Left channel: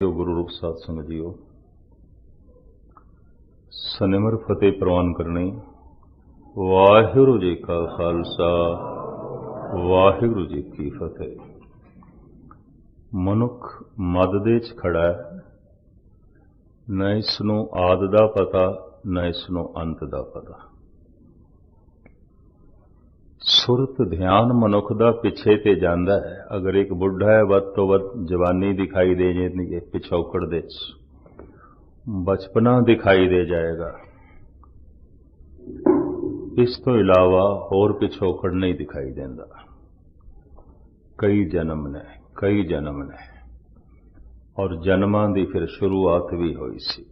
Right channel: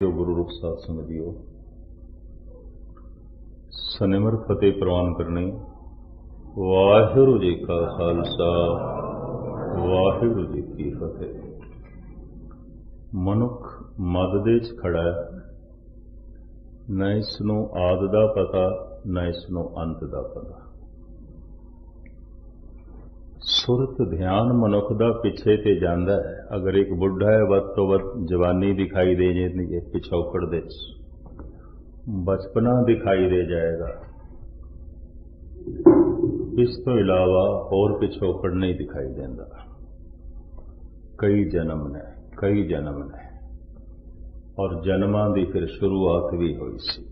ਜੋ ਗੁਰੂ ਰੂਪ ਸਾਧ ਸੰਗਤ ਜੀਓ, ਸਨਿਮਰ ਫਤਿਹ ਪ੍ਰਵਾਨ ਕਰਨੀ। ਵਾਹਿਗੁਰੂ ਜੀ ਕਾ ਖਾਲਸਾ, ਵਾਹਿਗੁਰੂ ਜੀ ਕੀ ਫਤਿਹ। ਮਨੁੱਖ ਮੱਧ ਦੇ 'ਚ ਖੜਾ ਹੈ, ਨਾ ਇਸ ਨੂੰ ਆਦਿ ਦਾ ਪਤਾ, ਨਾ ਇਸ ਨੂੰ ਅੰਤ ਦਾ ਪਤਾ। ਸੁਰਤ ਧਿਆਨ ਮਨੁੱਖ ਦਾ ਪਿੱਛੇ ਤੇ ਜਾਂਦਾ ਹੈ। ਅਗਰ ਇੱਕ ਬੁੱਢਾ ਹੈ, ਵੱਧ ਤੋਂ ਵੱਧ ਜਵਾਨੀ ਦਿਖਾਈ ਦੇ ਜਾਏਗੀ, ਪਿਛੋਕੜ ਦੇ 'ਚ ਬਚਪਨਾ ਦਿਖਾਈ ਦੇ ਜਾਏਗਾ। ਇਸ ਤੋਂ ਇਲਾਵਾ ਹੋਰ ਪਿਛੋਕੜ ਨਹੀਂ ਦਿਖਾਈ ਦਿੰਦਾ। ਕਈ ਜਨਮ ਨੇ, ਕਈ ਜਨਮ ਨੇ, ਔਰ ਜਨਮਾਂ ਦੀ ਫਿਰ ਸ਼ੁਰੂਆਤ ਵੀ ਹੋਈ ਸੀ।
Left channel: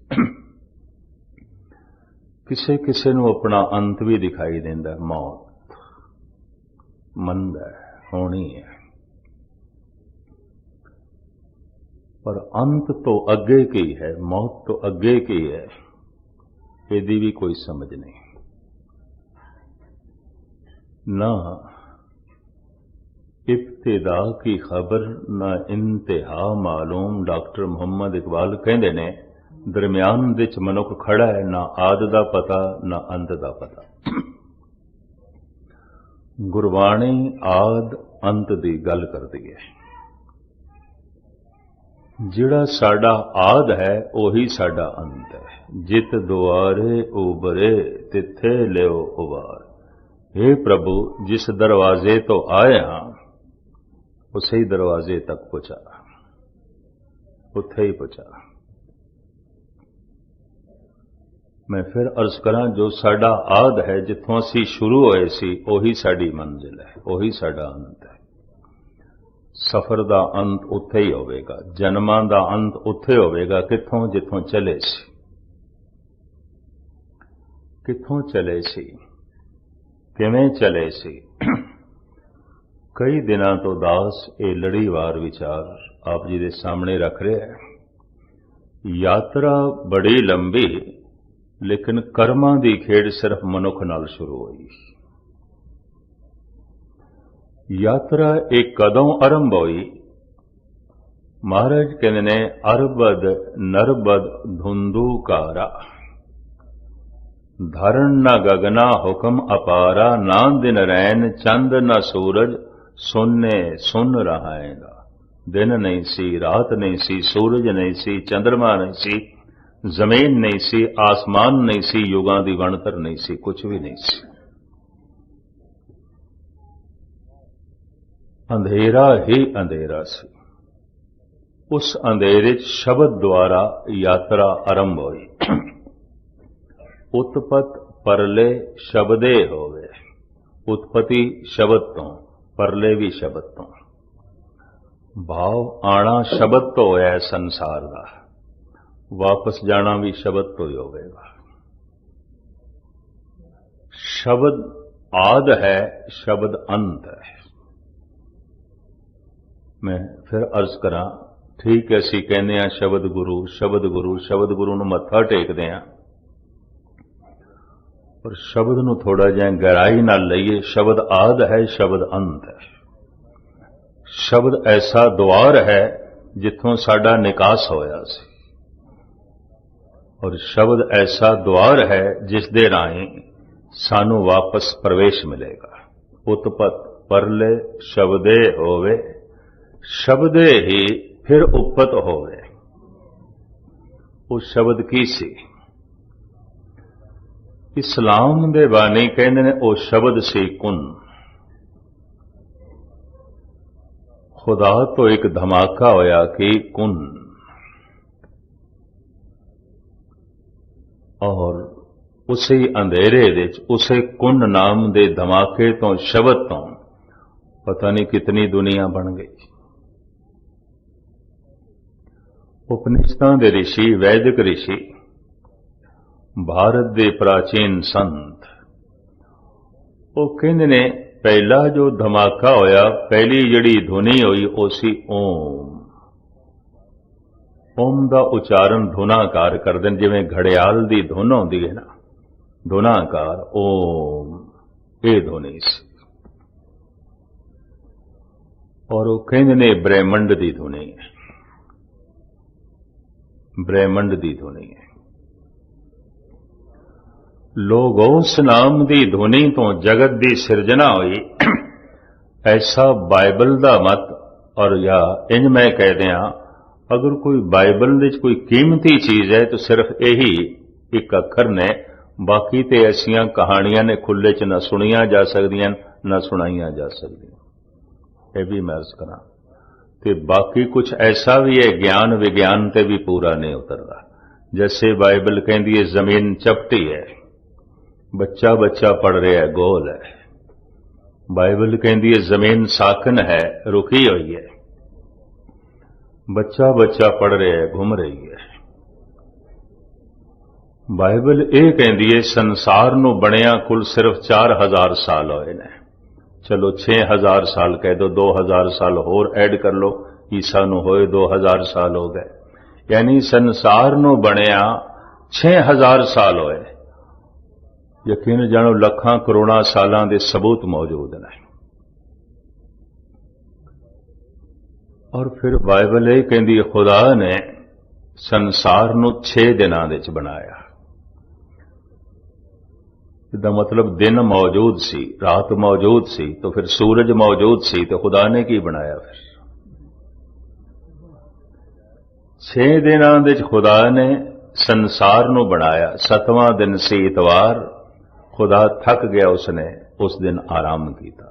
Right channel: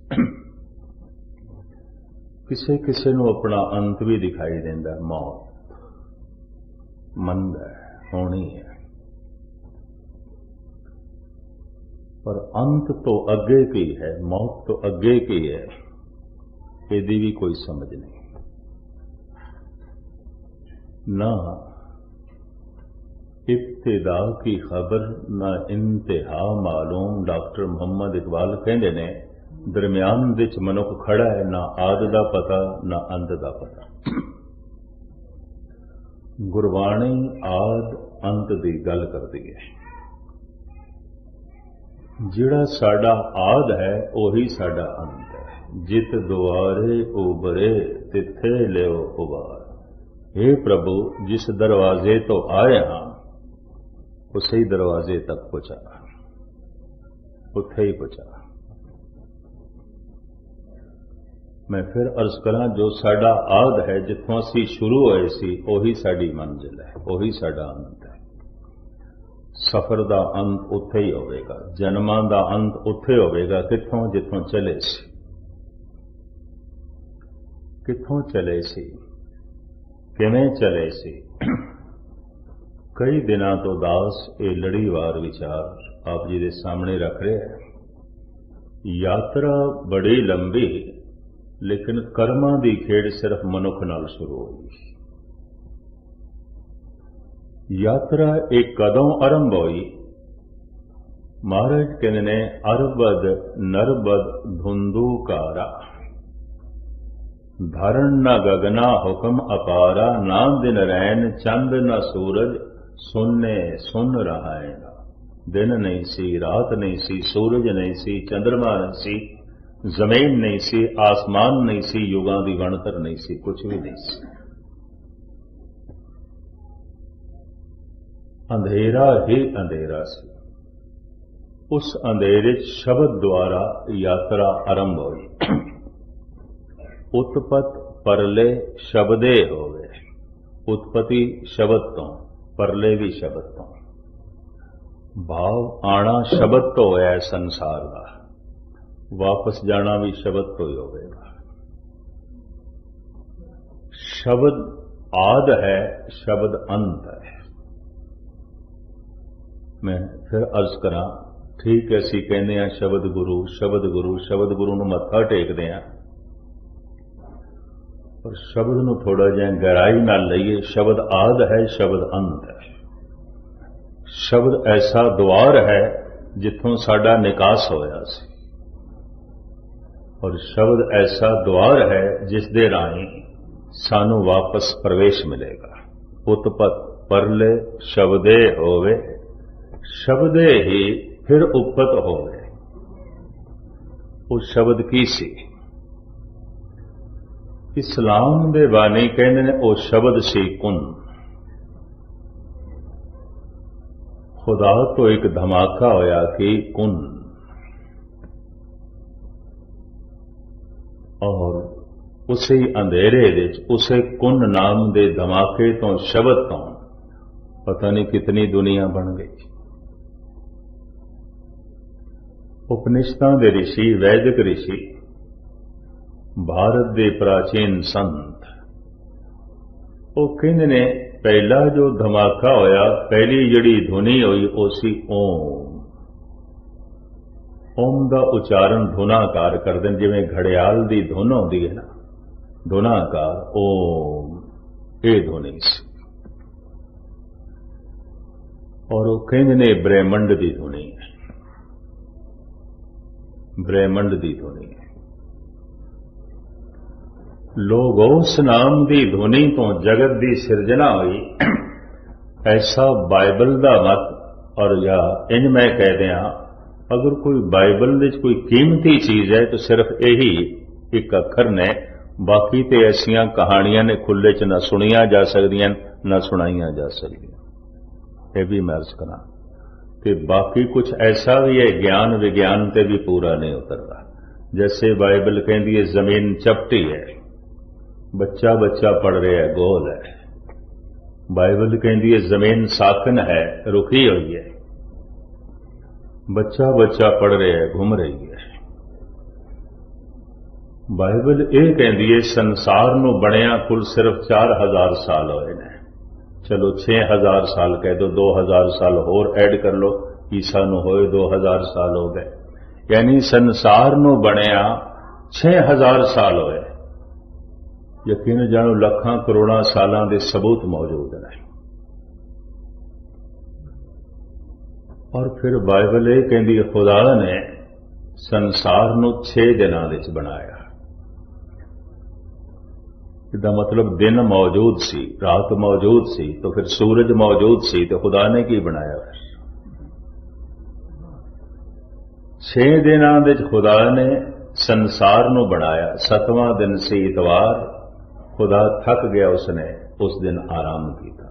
ਕਿਸੇ ਕਿਸੇ ਨੂੰ ਆਪਣਾ ਅੰਤ ਵੀ ਦਿਖਾਈ ਦਿੰਦਾ। ਮੌਤ ਮੰਨਦਾ ਹੋਣੀ ਹੈ, ਪਰ ਅੰਤ ਤੋਂ ਅੱਗੇ ਕੀ ਹੈ, ਮੌਤ ਤੋਂ ਅੱਗੇ ਕੀ ਹੈ, ਇਹਦੀ ਵੀ ਕੋਈ ਸਮਝ ਨਹੀਂ। ਨਾ इब्तिदा की खबर ना इंतहा मालूम। डॉक्टर मुहम्मद इकबाल कहते ने, दरम्यान विच मनुख खड़ा है, ना आदि दा पता ना अंत दा पता। गुरबाणी आद अंत दी गल करदी है। जिहड़ा साडा आद है उही साडा अंत है। जित दुआरे उबरे तिथे लियो उबार। हे प्रभु, जिस दरवाजे तो आए हां उसे ही दरवाजे तक पहुंचा, उत्थे ही पहुंचा। मैं फिर अर्ज करा, जो साडा आद है, जिथों असी शुरू होए सी, उही साडी मंजिल है, उही साडा अंत है। सफर दा अंत उत्थे ही होवेगा, जन्मां दा अंत उत्थे होवेगा। किथों? जिथों चले सी। किथों चले सी, किवें चले सी। कई दिनों तो दास ये लड़ीवार विचार आप जी के सामने रख रहे हैं। यात्रा बड़ी लंबी, लेकिन कर्मां दी खेड़ सिर्फ मनुख नाल शुरू हुई। यात्रा एक कदों आरंभ हुई? महाराज कहते ने, अरबद नरबद धुंधुकारा। धरण न गगना हुक्म अपारा। ना दिन रैन चंद न सूरज, सुनने सुन रहा है। दिन नहीं सी, रात नहीं सी, सूरज नहीं सी, चंद्रमा नहीं सी, जमीन नहीं सी, आसमान नहीं सी, युगां दी गणतर नहीं सी, कुछ भी नहीं सी। अंधेरा ही अंधेरा सी। उस अंधेरे शब्द द्वारा यात्रा आरंभ हुई। उत्पत परले शब्दे होवे। उत्पत्ति शब्द तो, परले भी शब्द तो। भाव आना शब्द तो होया है संसार का, वापस जाना भी शब्द तो ही होगा। शब्द आद है, शब्द अंत है। मैं फिर अर्ज करा, ठीक है, असी कहने हैं शब्द गुरु, शब्द गुरु, शब्द गुरु नूं मत्था टेकदे हैं, पर शब्द नूं थोड़ा जिहा गहराई नाल लईए। शब्द आद है, शब्द अंत है। शब्द ऐसा द्वार है जिथों साडा निकास होया सी, और शब्द ऐसा द्वार है जिस दे राहीं सानू वापस प्रवेश मिलेगा। उत्पत परले शब्दे होवे, शब्दे ही फिर उपत होवे। उस शब्द की सी? इस्लाम दे बानी कहते ने, ओ शब्द सी कुन। खुदा तो एक धमाका होया कि कुन, और उसी अंधेरे विच, उसे कुन नाम दे धमाके तो, शब्द तो पता नहीं कितनी दुनिया बन गई। उपनिषदां दे ऋषि, वैदिक ऋषि, भारत दे प्राचीन संत, वो कहते ने, पहला जो धमाका होया, पहली जड़ी धुनी हुई, वो सी ओम। ओम का उच्चारण धुनाकार करते हैं, जिवें घड़ियाल की धुन होती है ना, धुनाकार ओम, ये धुनी सी। और वो कहते ने ब्रह्मंड की धुनी है। ब्रह्मंड की ध्वनि है। लोगोस नाम की ध्वनि तो जगत की सिरजना हुई, ऐसा बाइबल का मत। और या इंज मैं कह दिया, अगर कोई बाइबल में कोई कीमती चीज है तो सिर्फ यही एक अखर ने, बाकी तो ऐसिया कहानियां ने खुले च न सुनिया जा सकदियां न सुनाइया जा सकदियां। यह भी मैं अर्ज करा कि बाकी कुछ ऐसा भी है ज्ञान विज्ञान ते भी पूरा नहीं उतरता। जैसे बाइबल कहती है जमीन चपटी है, बच्चा बच्चा पढ़ रहा है, गोल है। बाइबल कहती है जमीन साकन है, रुकी हुई है, बच्चा बच्चा पढ़ रहा है, घूम रही है। बाइबल यह कहती है संसार नूं बनिया कुल सिर्फ 4000 साल होए ने। चलो 6000 साल कह दो, 2000 साल होर ऐड कर लो, ईसा नूं होए 2000 साल हो गए, यानी संसार नूं बनिया 6000 साल होए। यकीन जानो लखां करोड़ां सालां दे सबूत मौजूद ने। और फिर बाइबल यह कहती खुदा ने संसार नूं 6 दिनां दे च बनाया। इसदा मतलब दिन मौजूद सी, रात मौजूद सी, तो फिर सूरज मौजूद सी, तो खुदा ने की बनाया? फिर 6 दिनां दे च खुदा ने संसार नूं बनाया। 7वां दिन सी इतवार, खुदा थक गया, उसने उस दिन आराम किया।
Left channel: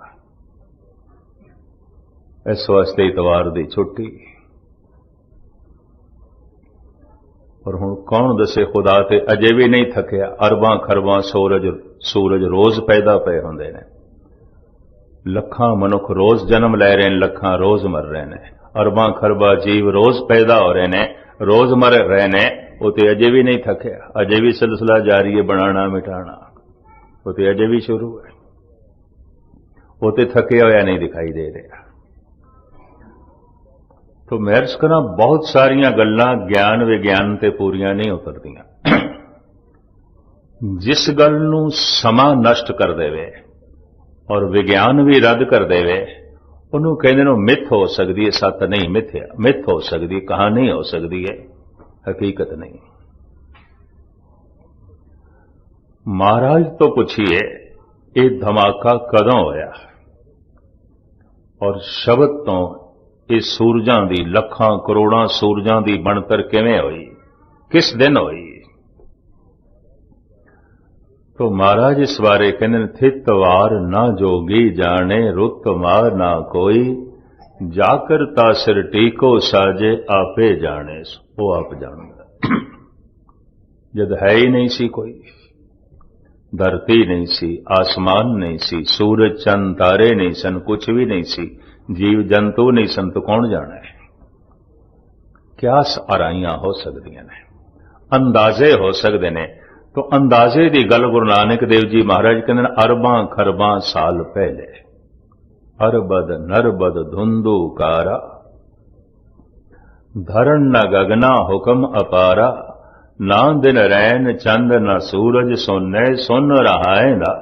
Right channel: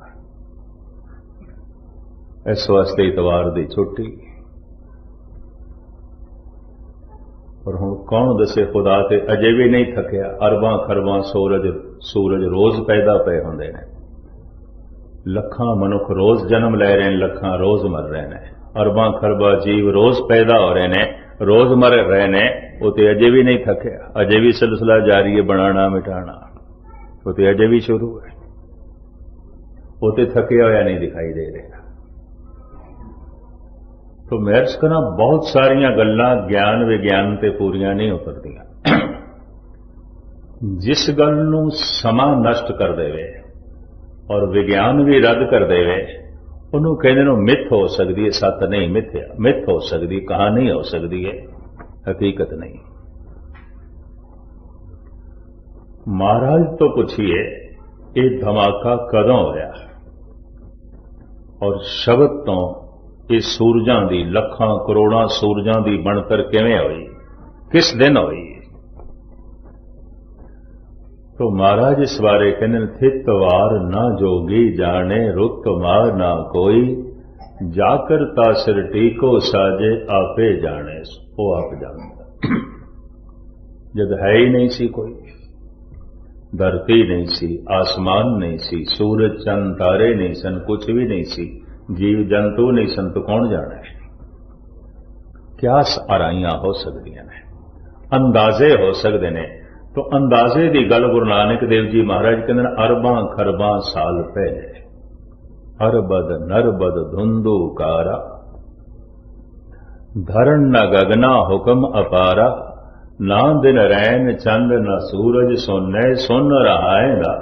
इस वास्ते इतवार की छुट्टी। और हुण कौन दसे खुदा ते अजे भी नहीं थकिया। अरबां खरबां सूरज रोज पैदा पे होंदे ने, लखां मनुख रोज जन्म लै रहे हैं, लखां रोज मर रहे हैं। अरबां खरबां जीव रोज पैदा हो रहे हैं, रोज मर रहे हैं। वो तो अजे भी नहीं थकिया, अजे भी सिलसिला जारी है, बनाना मिटाना वो तो अजे भी शुरू है। वो तो थकिया होया नहीं दिखाई दे रहा। तो मैं अर्ज करा बहुत सारिया गल्लां ज्ञान विज्ञान ते पूरियां नहीं उतरदियां। जिस गल नूं समा नष्ट कर देवे और विज्ञान भी रद्द कर देवे, उन्होंने कहते हैं मिथ हो सकती है, सत नहीं। मिथ्या मिथ हो सकती, कहानी हो सकती है, हकीकत नहीं। महाराज तो पूछिए ये धमाका कदों होया और शब्द तो ये सूरजां दी, लखां करोड़ां सूरजां दी बनतर किवें होई, किस दिन होई? तो महाराज इस बारे कहते थित वार ना जोगी जाने, रुत मार ना कोई, जाकर तासिर टीको साजे आपे जाने। वो आप जानता। जब है ही नहीं सी कोई, धरती नहीं सी, आसमान नहीं सी, सूरज चंद तारे नहीं सन, कुछ भी नहीं सी, जीव जंतु नहीं सन, तो कौन जाने? क्या आराइयां हो सकदियां ने, अंदाजे हो सकते ने। तो अंदाजे की गल गुरु नानक देव जी महाराज कहते अरबां खरबां साल पहले, अरबद नरबद धुंधुकारा, धरण न गगना हुक्म अपारा, ना दिन रैन चंद न सूरज सोने, सुन रहा है ना।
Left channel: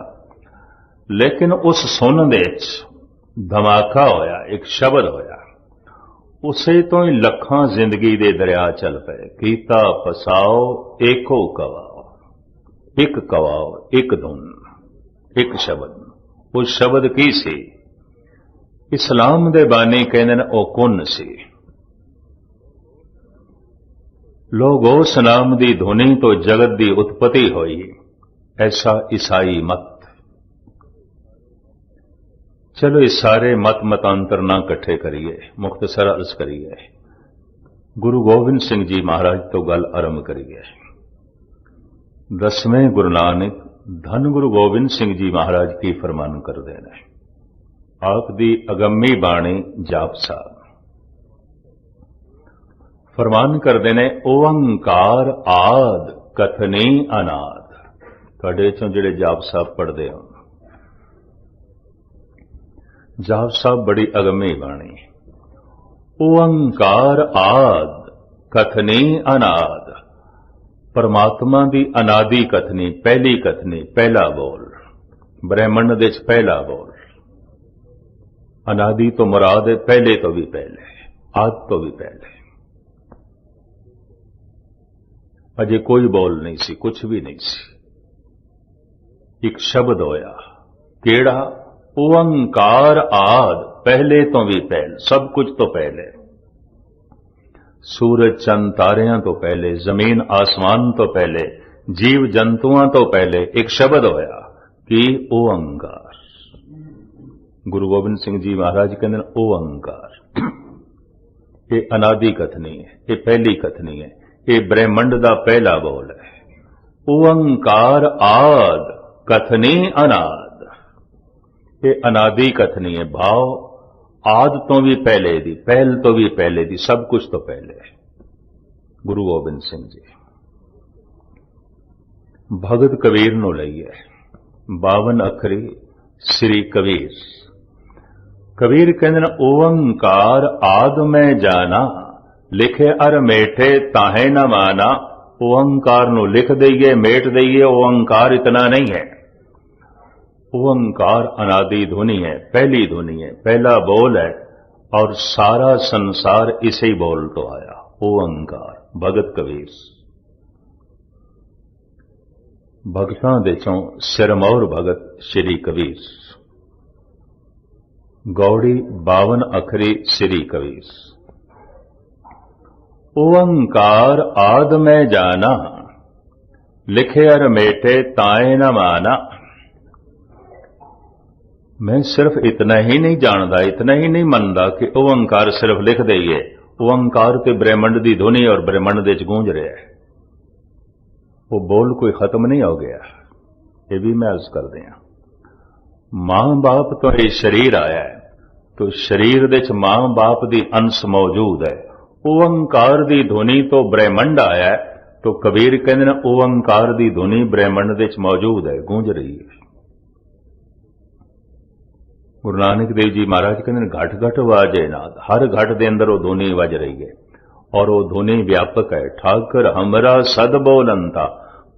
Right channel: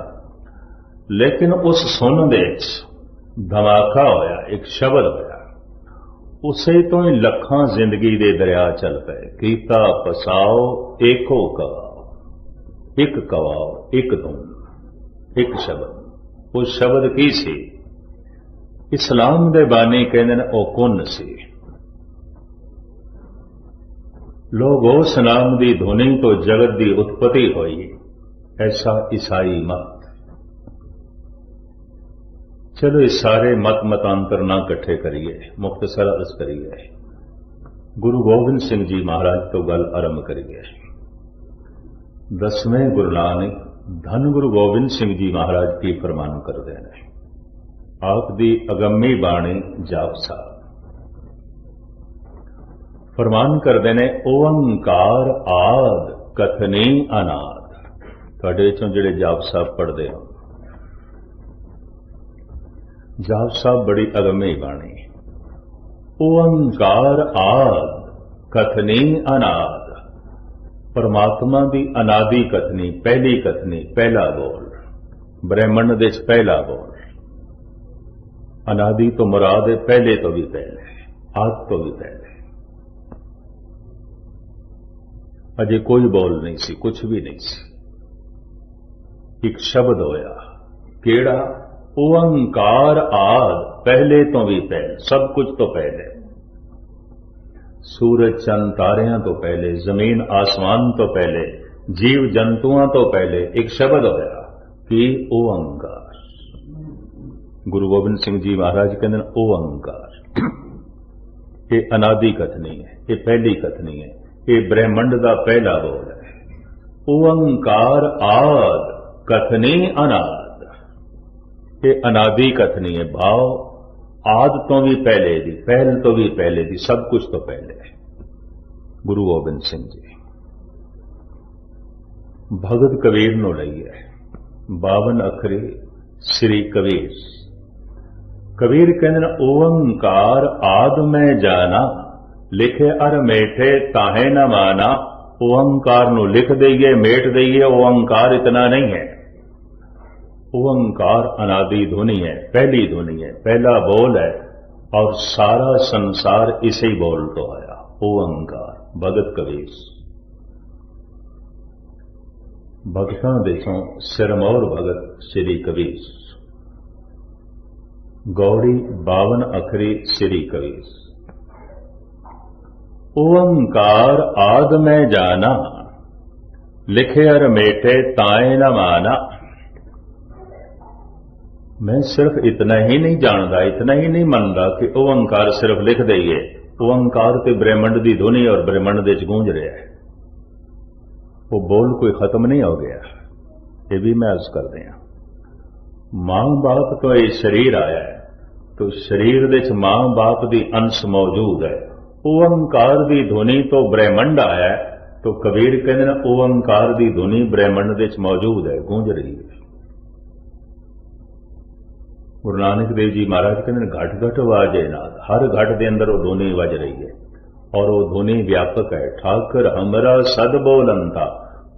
लेकिन उस सुन दे धमाका होया, एक शब्द होया, उसे तो ही लखां जिंदगी दे दरिया चल पे। कीता पसाओ एको कवाओ, एक कवाओ एक धुन, एक शब्द। उस शब्द की सी? इस्लाम दे बानी कहते हैं ओ कुन सी। लोगोस नाम दी ध्वनि तो जगत दी उत्पत्ति हुई, ऐसा ईसाई मत। चलो इस सारे मत मतांतर ना इकट्ठे करिए, मुख्तसर अर्ज करिए। गुरु गोबिंद सिंह जी महाराज तो गल आरंभ करिए। 10वें गुरु नानक धन गुरु गोबिंद सिंह जी महाराज की फरमान करते हैं। आप दी अगम्मी बाणी जाप साहब फरमान करते हैं, ओंकार आद कथनी अनाद। तुहाडे चों जिहड़े जाप साहब पढ़ते हो, जाप साहब बड़ी अगम्मी बाणी। ओंकार आद कथनी अनाद, परमात्मा की अनादि कथनी, पहली कथनी, पहला बोल, ब्रह्मंड दे पहला बोल। अनादि तो मुराद है पहले तो भी पहले, आद तो भी पहले। अजे कोई बोल नहीं सी, कुछ भी नहीं सी। एक शब्द होया, केड़ा? ओंकार आद, पहले तो भी पहल, सब कुछ तो पहले। सूरज चंद तारियां तो पहले, जमीन आसमान तो पहले, जीव जंतुआं तो पहले एक शब्द होया कि ओंकार। गुरु गोबिंद सिंह जी महाराज कहते हैं ओंकार। ये अनादि कथनी है, ये पहली कथनी है, ये ब्रह्मंड का पहला बोल है। ओंकार आद कथनी अनाद, ये अनादि कथनी है। भाव आद तो भी पहले दी, पहल तो भी पहले दी, सब कुछ तो पहले है। गुरु गोबिंद सिंह जी भगत कबीर नु लईए 52 अखरी श्री कबीर। कबीर कहते ओंकार आद में जाना, लिखे अर मेठे ताहे न माना। ओंकार नु लिख दईए, मेट दईए, ओंकार इतना नहीं है। ओंकार अनादि धुनी है, पहली धुनी है, पहला बोल है, और सारा संसार इसे ही बोल तो आया। ओंकार भगत कबीर। भगतां दे चों सिरमौर भगत श्री कबीर। गौड़ी 52 अखरी श्री कबीर। ओंकार आद में जाना, लिखे अर मेटे ताए न माना। मैं सिर्फ इतना ही नहीं जानता, इतना ही नहीं मनता कि ओंकार सिर्फ लिख दईए। ओंकार ते ब्रह्मंड दी धुनी और ब्रह्मंड दे च गूंज रहा है। वो बोल कोई खत्म नहीं हो गया, ये भी मैं अर्ज कर दिया। मां बाप तो ये शरीर आया है, तो शरीर दे च मां बाप दी अंश मौजूद है। ओंकार दी धुनी तो ब्रह्मंड आया है, तो कबीर कहते हैं ओंकार दी धुनी ब्रह्मंड दे च मौजूद है, गूंज रही है। गुरु नानक देव जी महाराज कहते घट घट वाजे नाद, हर घट के अंदर वो धुनी वज रही है, और वो धुनी व्यापक है। ठाकर हमरा सद बोलंता,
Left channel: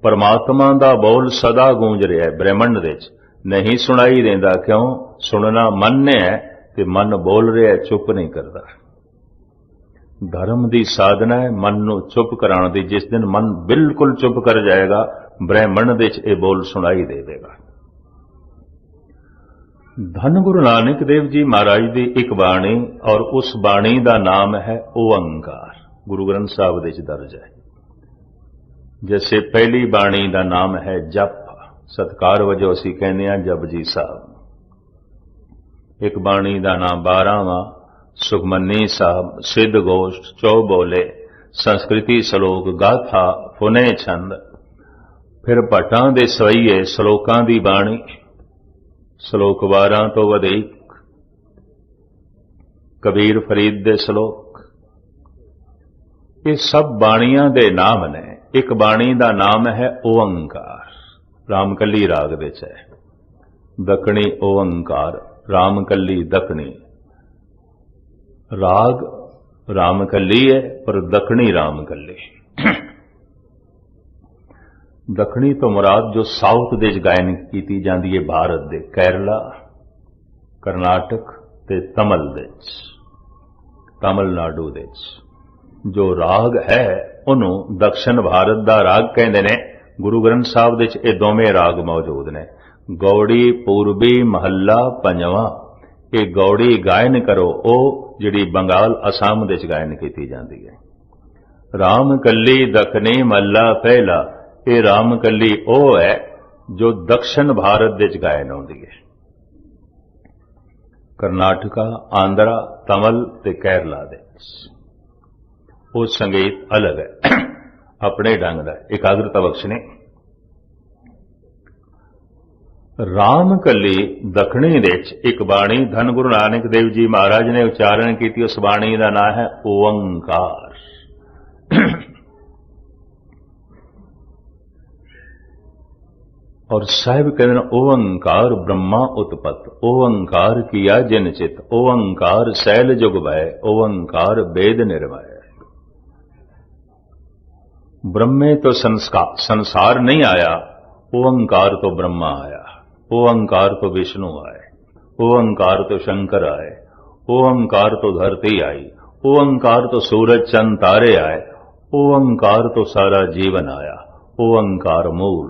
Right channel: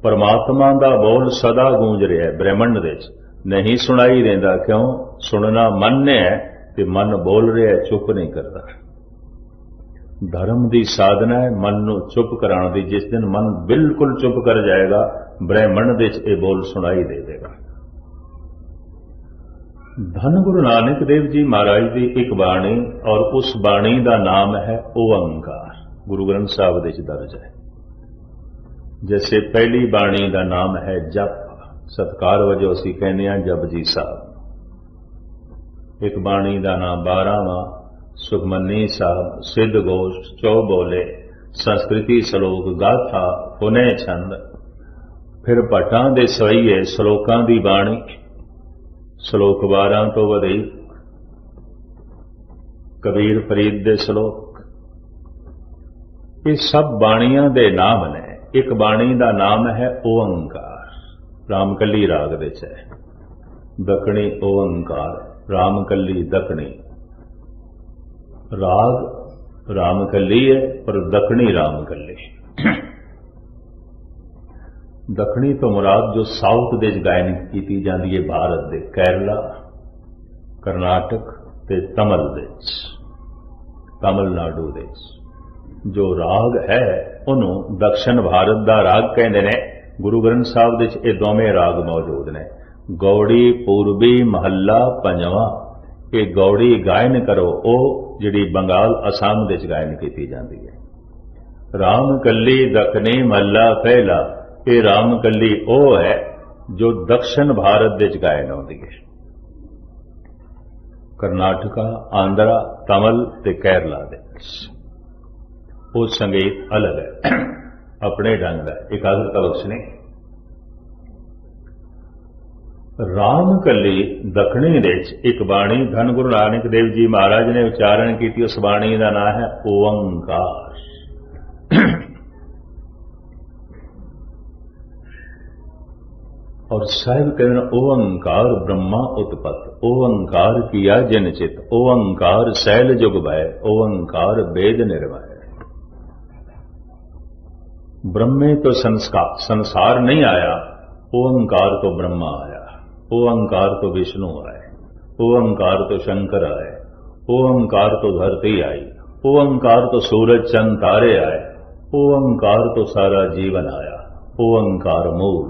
परमात्मा दा बोल सदा गूंज रहा है ब्रह्मंड दे च, नहीं सुनाई देंदा। क्यों? सुनना मन ने है, कि मन बोल रहा है, चुप नहीं करता। धर्म की साधना है मन नू चुप कराने दी। जिस दिन मन बिल्कुल चुप कर जाएगा, ब्रह्मंड दे च ये बोल सुनाई दे देगा। धन गुरु नानक देव जी महाराज की एक बाणी, और उस बाणी का नाम है ओंकार। गुरु ग्रंथ साहब दे दर्ज है। जैसे पहली बाणी का नाम है जप, सत्कार वजों असी कहने जपजी साहब। एक बाणी का नाम 12वां सुखमनी साहब, सिद्ध गोष्ठ, चौबोले, संस्कृति श्लोक, गाथा, फुने छंद। फिर भट्टां दे सवैये श्लोकां दी बाणी, श्लोक 12 तो वधिक। कबीर फरीद दे श्लोक, ये सब बाणियां दे नाम ने। एक बाणी का नाम है ओंकार, रामकली राग दे च है। दखनी ओंकार, रामकली दखनी। राग रामकली है, पर दखनी रामकली। दखनी तो मुराद जो साउथ दे गायन की जाती है, भारत दे केरला, कर्नाटक ते तमिल दे, तमिलनाडु दे जो राग है उन्होंने दक्षिण भारत दा राग कहते हैं। गुरु ग्रंथ साहब दे ये दोवें राग मौजूद ने। गौड़ी पूर्वी महला पंजवां, ये गौड़ी गायन करो ओ जिहड़ी बंगाल असम दे गायन की जाती है। राम कली दखनी महला पहला, ये राम कली ओ है जो दक्षिण भारत दे गायन होती है। कर्नाटका, आंध्रा, तमिल ते केरला दे वो संगीत अलग है, अपने ढंग का एकाग्रता बख्शने। राम कली दखनी दे एक बाणी धन गुरु नानक देव जी महाराज ने उच्चारण की। उस बाणी का नाम है ओंकार। और साहिब कहते ओंकार ब्रह्मा उत्पत्त, ओंकार किया जिन चित, ओंकार शैल जुग भय, ओंकार वेद निर्भय। ब्रह्मे तो संसार नहीं आया, ओंकार तो ब्रह्मा आया, ओंकार तो विष्णु आए, ओंकार तो शंकर आए, ओंकार तो धरती आई, ओंकार तो सूरज चंद तारे आए, ओंकार तो सारा जीवन आया, ओंकार मूल,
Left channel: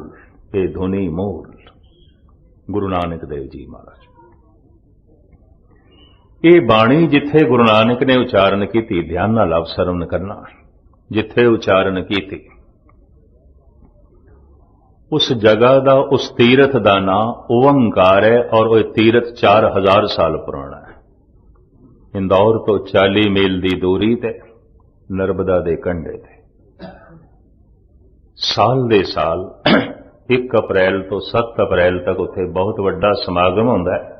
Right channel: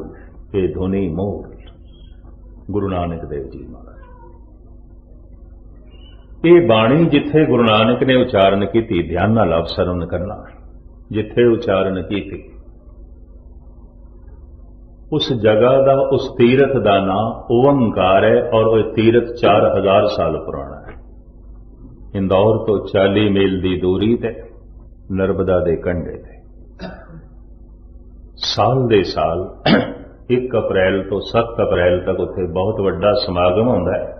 ये धुनी मूल। गुरु नानक देव जी महाराज। ये बाणी जिथे गुरु नानक ने उचारण की थी, ध्यान नाल आप सरवण करना, जिथे उचारण की थी उस जगह का, उस तीरथ का नाम ओंकार है। और वह तीरथ 4000 साल पुराना है। इंदौर तो 40 मील की दूरी ते, नर्मदा के कंढे ते। साल दे साल 1 अप्रैल तो 7 अप्रैल तक उत्थे बहुत वड्डा समागम होंदा है।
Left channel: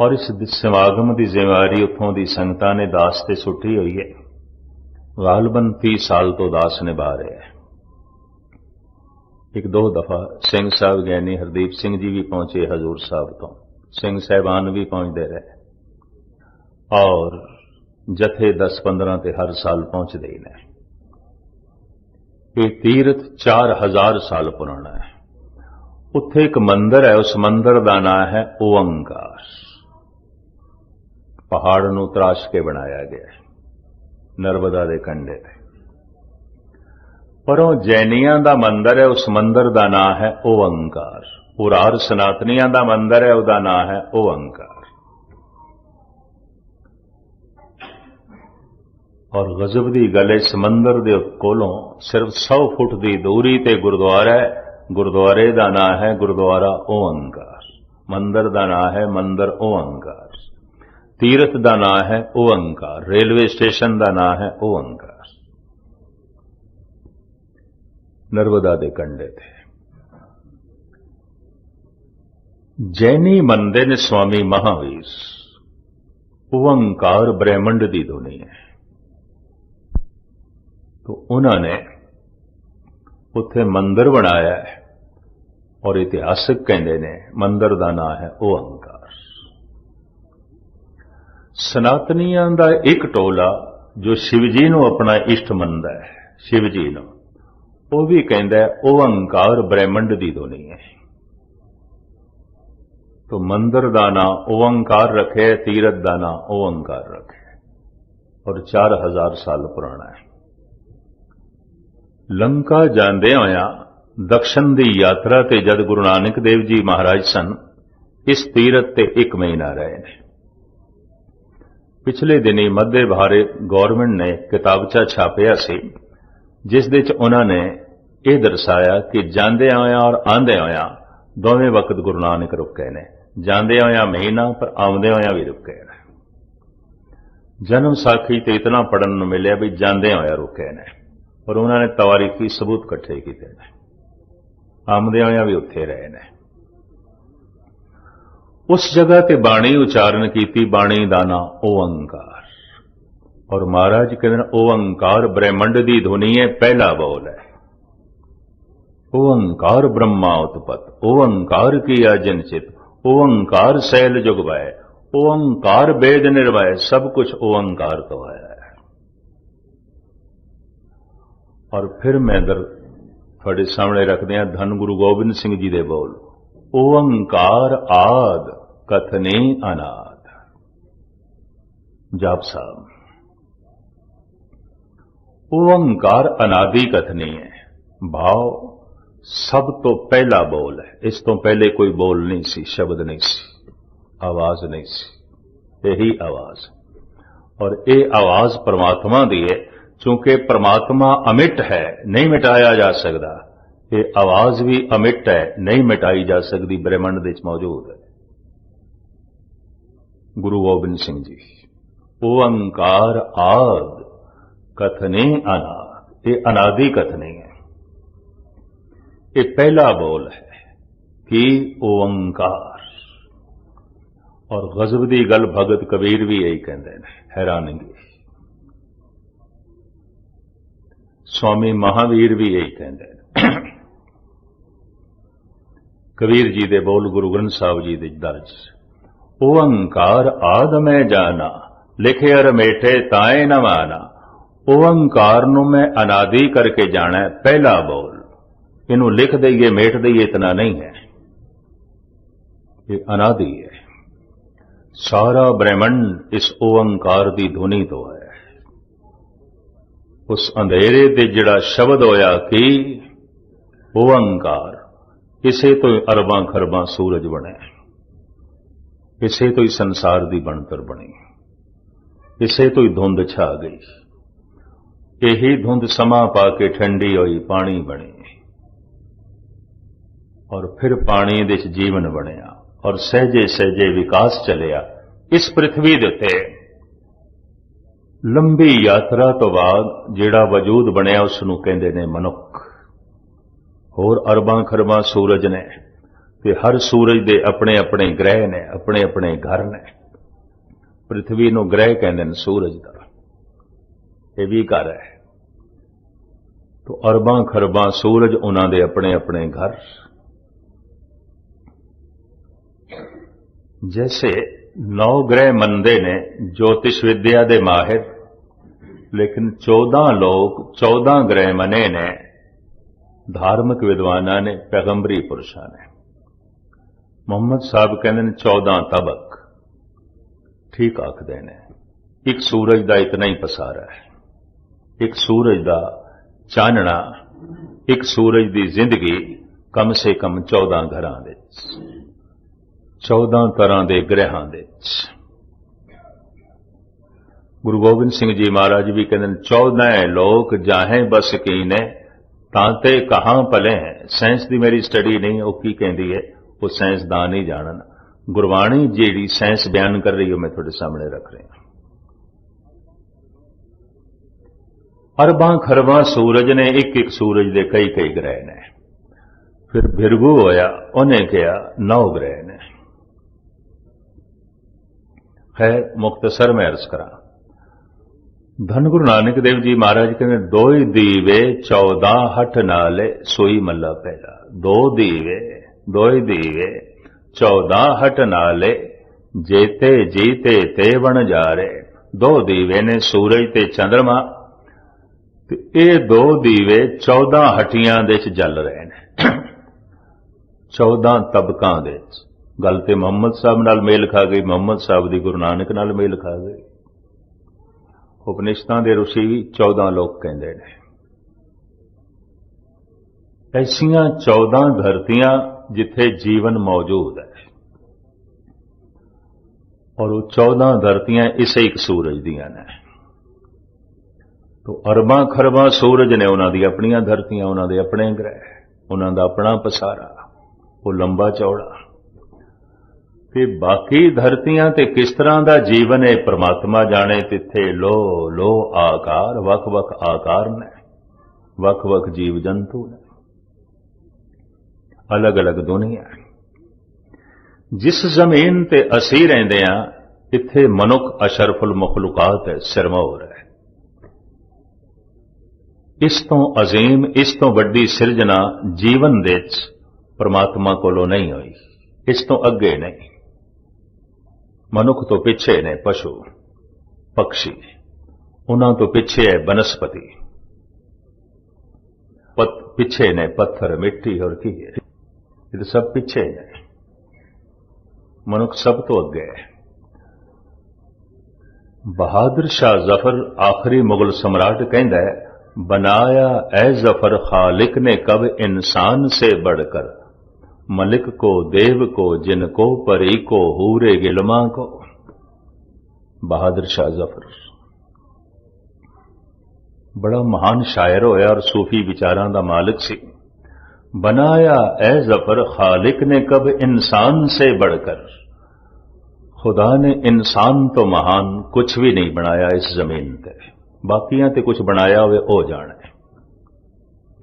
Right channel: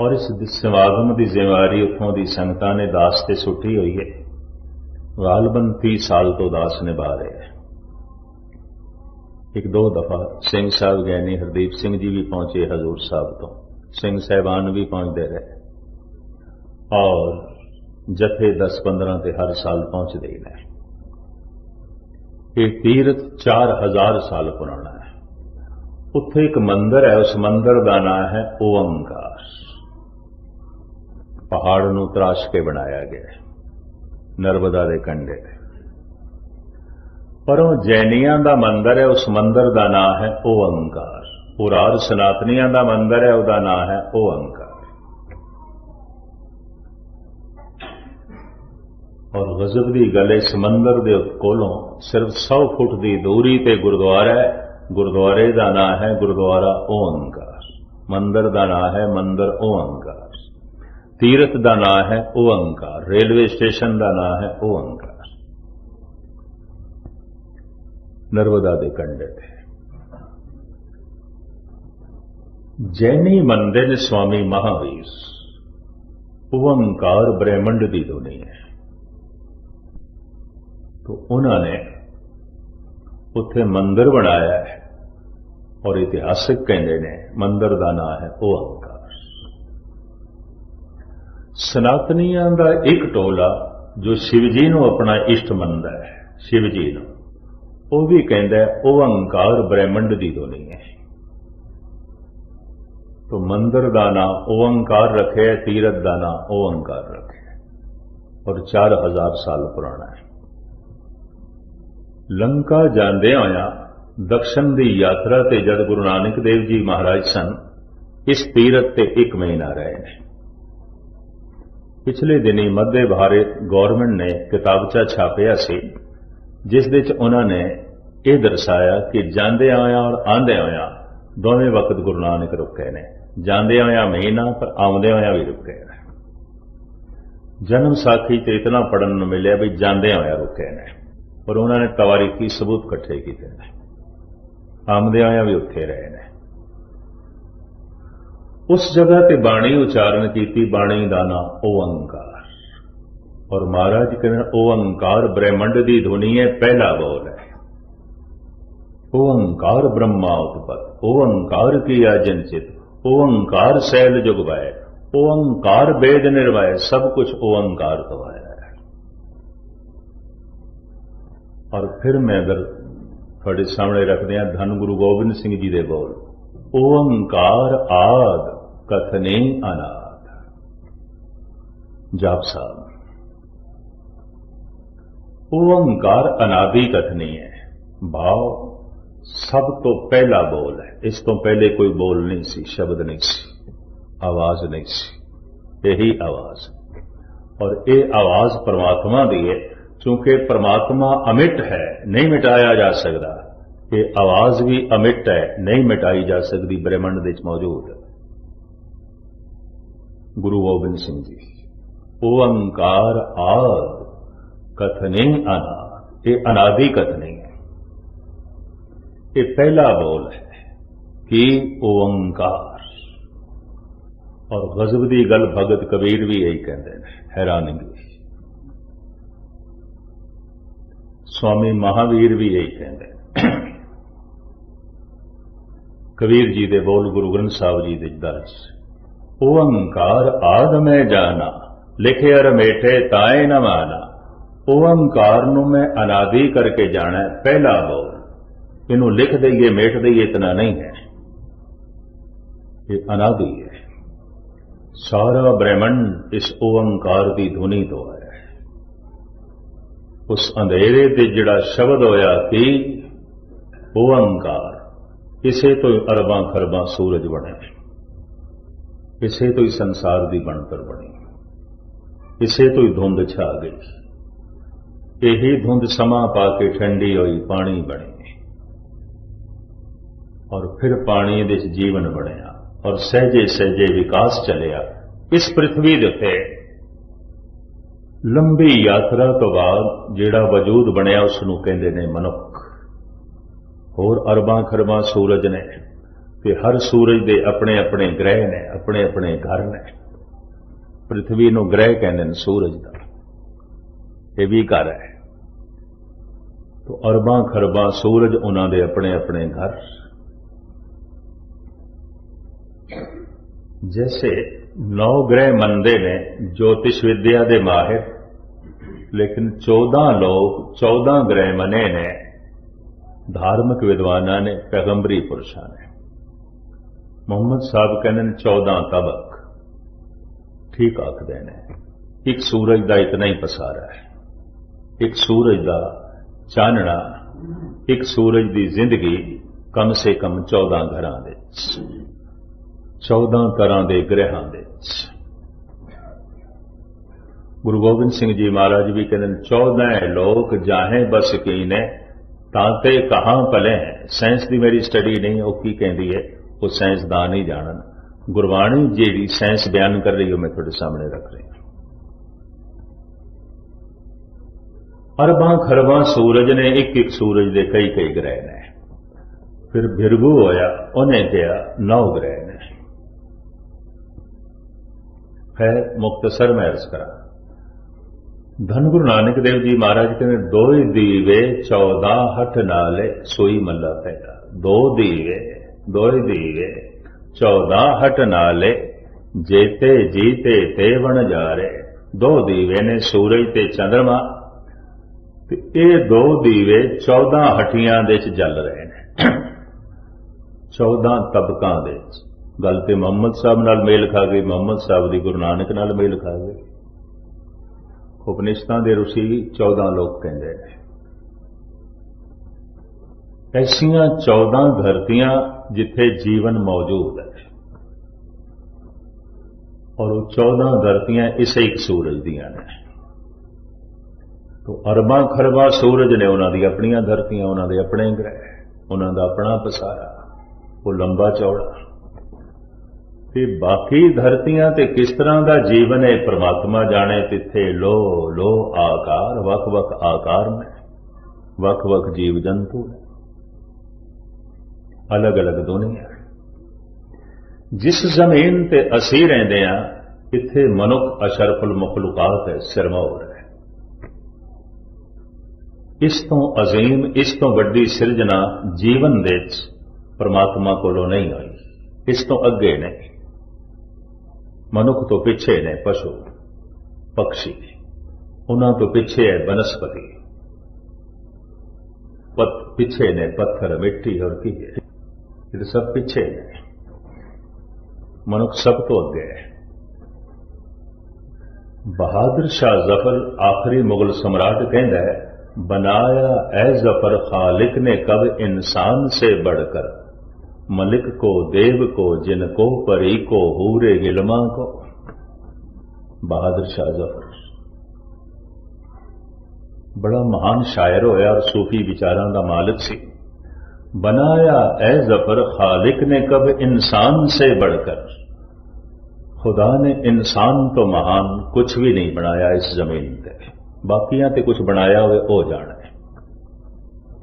और इस समागम की जिम्मेवारी उत्थों की संगतां ने दास ते सुट्टी हुई है। गालबन 30 साल तो दास निभा रहे हैं। 1-2 दफा सिंह साहब ज्ञानी हरदीप सिंह जी भी पहुंचे हजूर साहब तो, सिंह साहिबान भी पहुंचते रहे और जथे 10-15 ते हर साल पहुंचते ही ने। ये तीर्थ 4000 साल पुराना है। उत्थे एक मंदिर है, उस मंदिर का नाम है ओंकार। पहाड़ नूं तराश के बनाया गया है, नर्मदा के कंढे। पर वो जैनियां का मंदिर है, उस मंदिर का नाम है ओंकार। उरार सनातनियां का मंदिर है, उसका नाम है ओंकार। और गजब की गल, इस मंदिर के कोलों सिर्फ 100 फुट की दूरी ते गुरुद्वारा है। गुरुद्वारे का नाम है गुरुद्वारा ओंकार। मंदिर का नाम है मंदिर ओंकार। तीर्थ का नाम है ओंकार। रेलवे स्टेशन का नाम है ओंकार। नर्मदा के कंढे थे। जैनी मनदे ने स्वामी महावीर, ओंकार ब्रह्मंड की धुनी है। तो उन्होंने उत्थे मंदिर बनाया है और इतिहासक कहते ने मंदिर का नाम है ओंकार। सनातनियां का एक टोला जो शिवजी को अपना इष्ट मनता है, शिवजी को, वो भी कहता है ओंकार ब्रह्मंड की धुनी है। तो मंदिर का नाम ओंकार रखे, तीरथ का नाम ओंकार रखे और 4000 साल पुराना है। लंका जांदे होया दक्षिण की यात्रा ते जद गुरु नानक देव जी महाराज सन, इस तीरथ ते 1 महीना रहे हैं। पिछले दिनी मध्य भारत गौरमेंट ने किताबचा छापिया सी, जिस दे च उन्होंने ये दर्शाया कि जांदे होया और आंदे होया दोवें वक्त गुरु नानक रुके ने। जांदे होया महीना, पर आउंदे होया भी रुके ने। जन्म साखी ते इतना पढ़न नूं मिलिया भी जांदे होया रुके ने, पर उन्होंने तवारीखी सबूत इकट्ठे किए ने। आमदे होया भी उत्थे रहे ने। उस जगह ते बाणी उचारण की, बाणी का नाम ओंकार। और महाराज कहते ओंकार ब्रह्मंड की धुनी है, पहला बोल है। ओंकार ब्रह्मा उत्पत, ओंकार किया जिनचित, ओंकार शैल जुगवाय, ओंकार वेद निर्वाय, सब कुछ ओंकार तो है। और फिर मैं इधर थोड़े सामने रख दिया धन गुरु गोबिंद सिंह जी दे बोल, ओंकार आद कथने अनाद। जाप साहब, ओंकार अनादि कथनी है। भाव सब तो पहला बोल है। इस तो पहले कोई बोल नहीं सी, शब्द नहीं सी, आवाज नहीं सी, यही आवाज। और ये आवाज परमात्मा दी है। चूंकि परमात्मा अमिट है, नहीं मिटाया जा सकता। ये आवाज भी अमिट है, नहीं मिटाई जा सकती, ब्रह्मंड विच मौजूद है। गुरु गोबिंद सिंह जी, ओंकार आद कथने अनाद, ये अनादि कथनी है। ये पहला बोल है कि ओंकार। और गजब दी गल भगत कबीर भी यही कहते हैं, हैरानगी। स्वामी महावीर भी यही कहते हैं। कबीर जी दे बोल गुरु ग्रंथ साहब जी दे दर्ज, ओंकार आद मैं जाना, लिखे अर मेठे ताए न माना। ओंकार नूं मैं अनादि करके जाना है, पहला बोल। इनू लिख दईए मेट दईए इतना नहीं है, ये अनादि है। सारा ब्रह्मंड इस ओंकार की धुनी तो है। उस अंधेरे ते जिहड़ा शब्द होया कि ओंकार, इसे तो ही अरबां खरबां सूरज बने, इसे तो ही संसार दी बनतर बनी, इसे तो ही धुंध छा गई, यही धुंध समा पाके ठंडी होई पानी बनी, और फिर पानी दे विच जीवन बनिया, और सहजे सहजे विकास चलिया। इस पृथ्वी दे उत्ते लंबी यात्रा तो बाद जिहड़ा वजूद बनिया उसनूं कहंदे ने मनुख। होर अरबां खरबां सूरज ने, ते हर सूरज दे अपने अपने ग्रह ने, अपने अपने घर ने। पृथ्वी नूं ग्रह कहंदे ने सूरज दा, ये भी घर है। तो अरबां खरबां सूरज उन्हां दे अपने अपने घर। जैसे 9 ग्रह मनदे ने ज्योतिष विद्या दे माहिर, लेकिन 14 लोग 14 ग्रह मने ने धार्मिक विद्वानां ने, पैगंबरी पुरुषां ने। मुहम्मद साहब कहंदे ने 14 तबक, ठीक आखदे ने। एक सूरज दा इतना ही पसारा है, एक सूरज दा चानना, एक सूरज दी जिंदगी कम से कम 14 घरां दे, 14 तरह दे ग्रहां दे। गुरु गोबिंद सिंह जी महाराज भी कहते हैं 14 लोग जाहें बस कीने तांते कहां पले हैं। साइंस की मेरी स्टडी नहीं, वो की कहती है, वो साइंसदान ही जानन। गुरबाणी जी साइंस बयान कर रही हो, मैं थोड़े सामने रख रहा। अरबां खरबां सूरज ने, एक एक सूरज दे कई कई ग्रह ने। फिर भिरगू होया, उन्हें कहा 9 ग्रह ने। खैर मुख्तसर में अर्ज करा, धन गुरु नानक देव जी महाराज कहते 2 दीवे 14 हठ नाले सोई मल्ला पैदा। 2 दीवे 14 हठ नाले जेते जीते ते बन जा रे। 2 दीवे ने सूरज ते चंद्रमा, ते ये 2 दीवे 14 हटियां दे च जल रहे ने, 14 तबकां दे। गल ते मुहम्मद साहब नाल मेल खा गई, मुहम्मद साहब दी गुरु नानक नाल मेल खा गई। उपनिषदां दे ऋषि भी 14 लोग कहंदे ने। ऐसियां 14 धरतियां जिथे जीवन मौजूद है, और वो 14 धरतियां इसे एक सूरज दियां ने। तो अरबां खरबां सूरज ने, उन्हां दी अपनियां धरतियां, उन्हां दे अपने ग्रह, उन्हां दा अपना पसारा, वो लंबा चौड़ा। ते बाकी धरतियां ते किस तरह का जीवन है परमात्मा जाने। तिथे लो लो आकार, वख वख आकार ने, वख वख जीव जंतु ने, अलग अलग दुनिया। जिस जमीन ते असी रहिंदे हां, इत्थे मनुख अशरफुल मखलूकात है, सिरमौर है। इस तो अजीम, इस तो वड्डी सिरजना जीवन दे परमात्मा कोलों नहीं हुई, इस तो अगे नहीं। मनुख तो पिछे ने पशु पक्षी, उन्हां तो पिछे है बनस्पति, पिछे ने पत्थर मिट्टी, और की है, ये तो सब पिछे ने। मनुख सब तो अगे है। बहादुर शाह जफर आखिरी मुगल सम्राट कहंदा है, बनाया ए जफर खालिक ने कब इंसान से बढ़कर, मलिक को देव को जिनको परी को हूरे गिलमा को। बहादुर शाह जफर बड़ा महान शायर होया और सूफी विचारां दा मालिक सी। बनाया ए जफर खालिक ने कब इंसान से बढ़कर, खुदा ने इंसान तो महान कुछ भी नहीं बनाया इस जमीन पे। बाकियां ते कुछ बनाया हुए ओ जाने,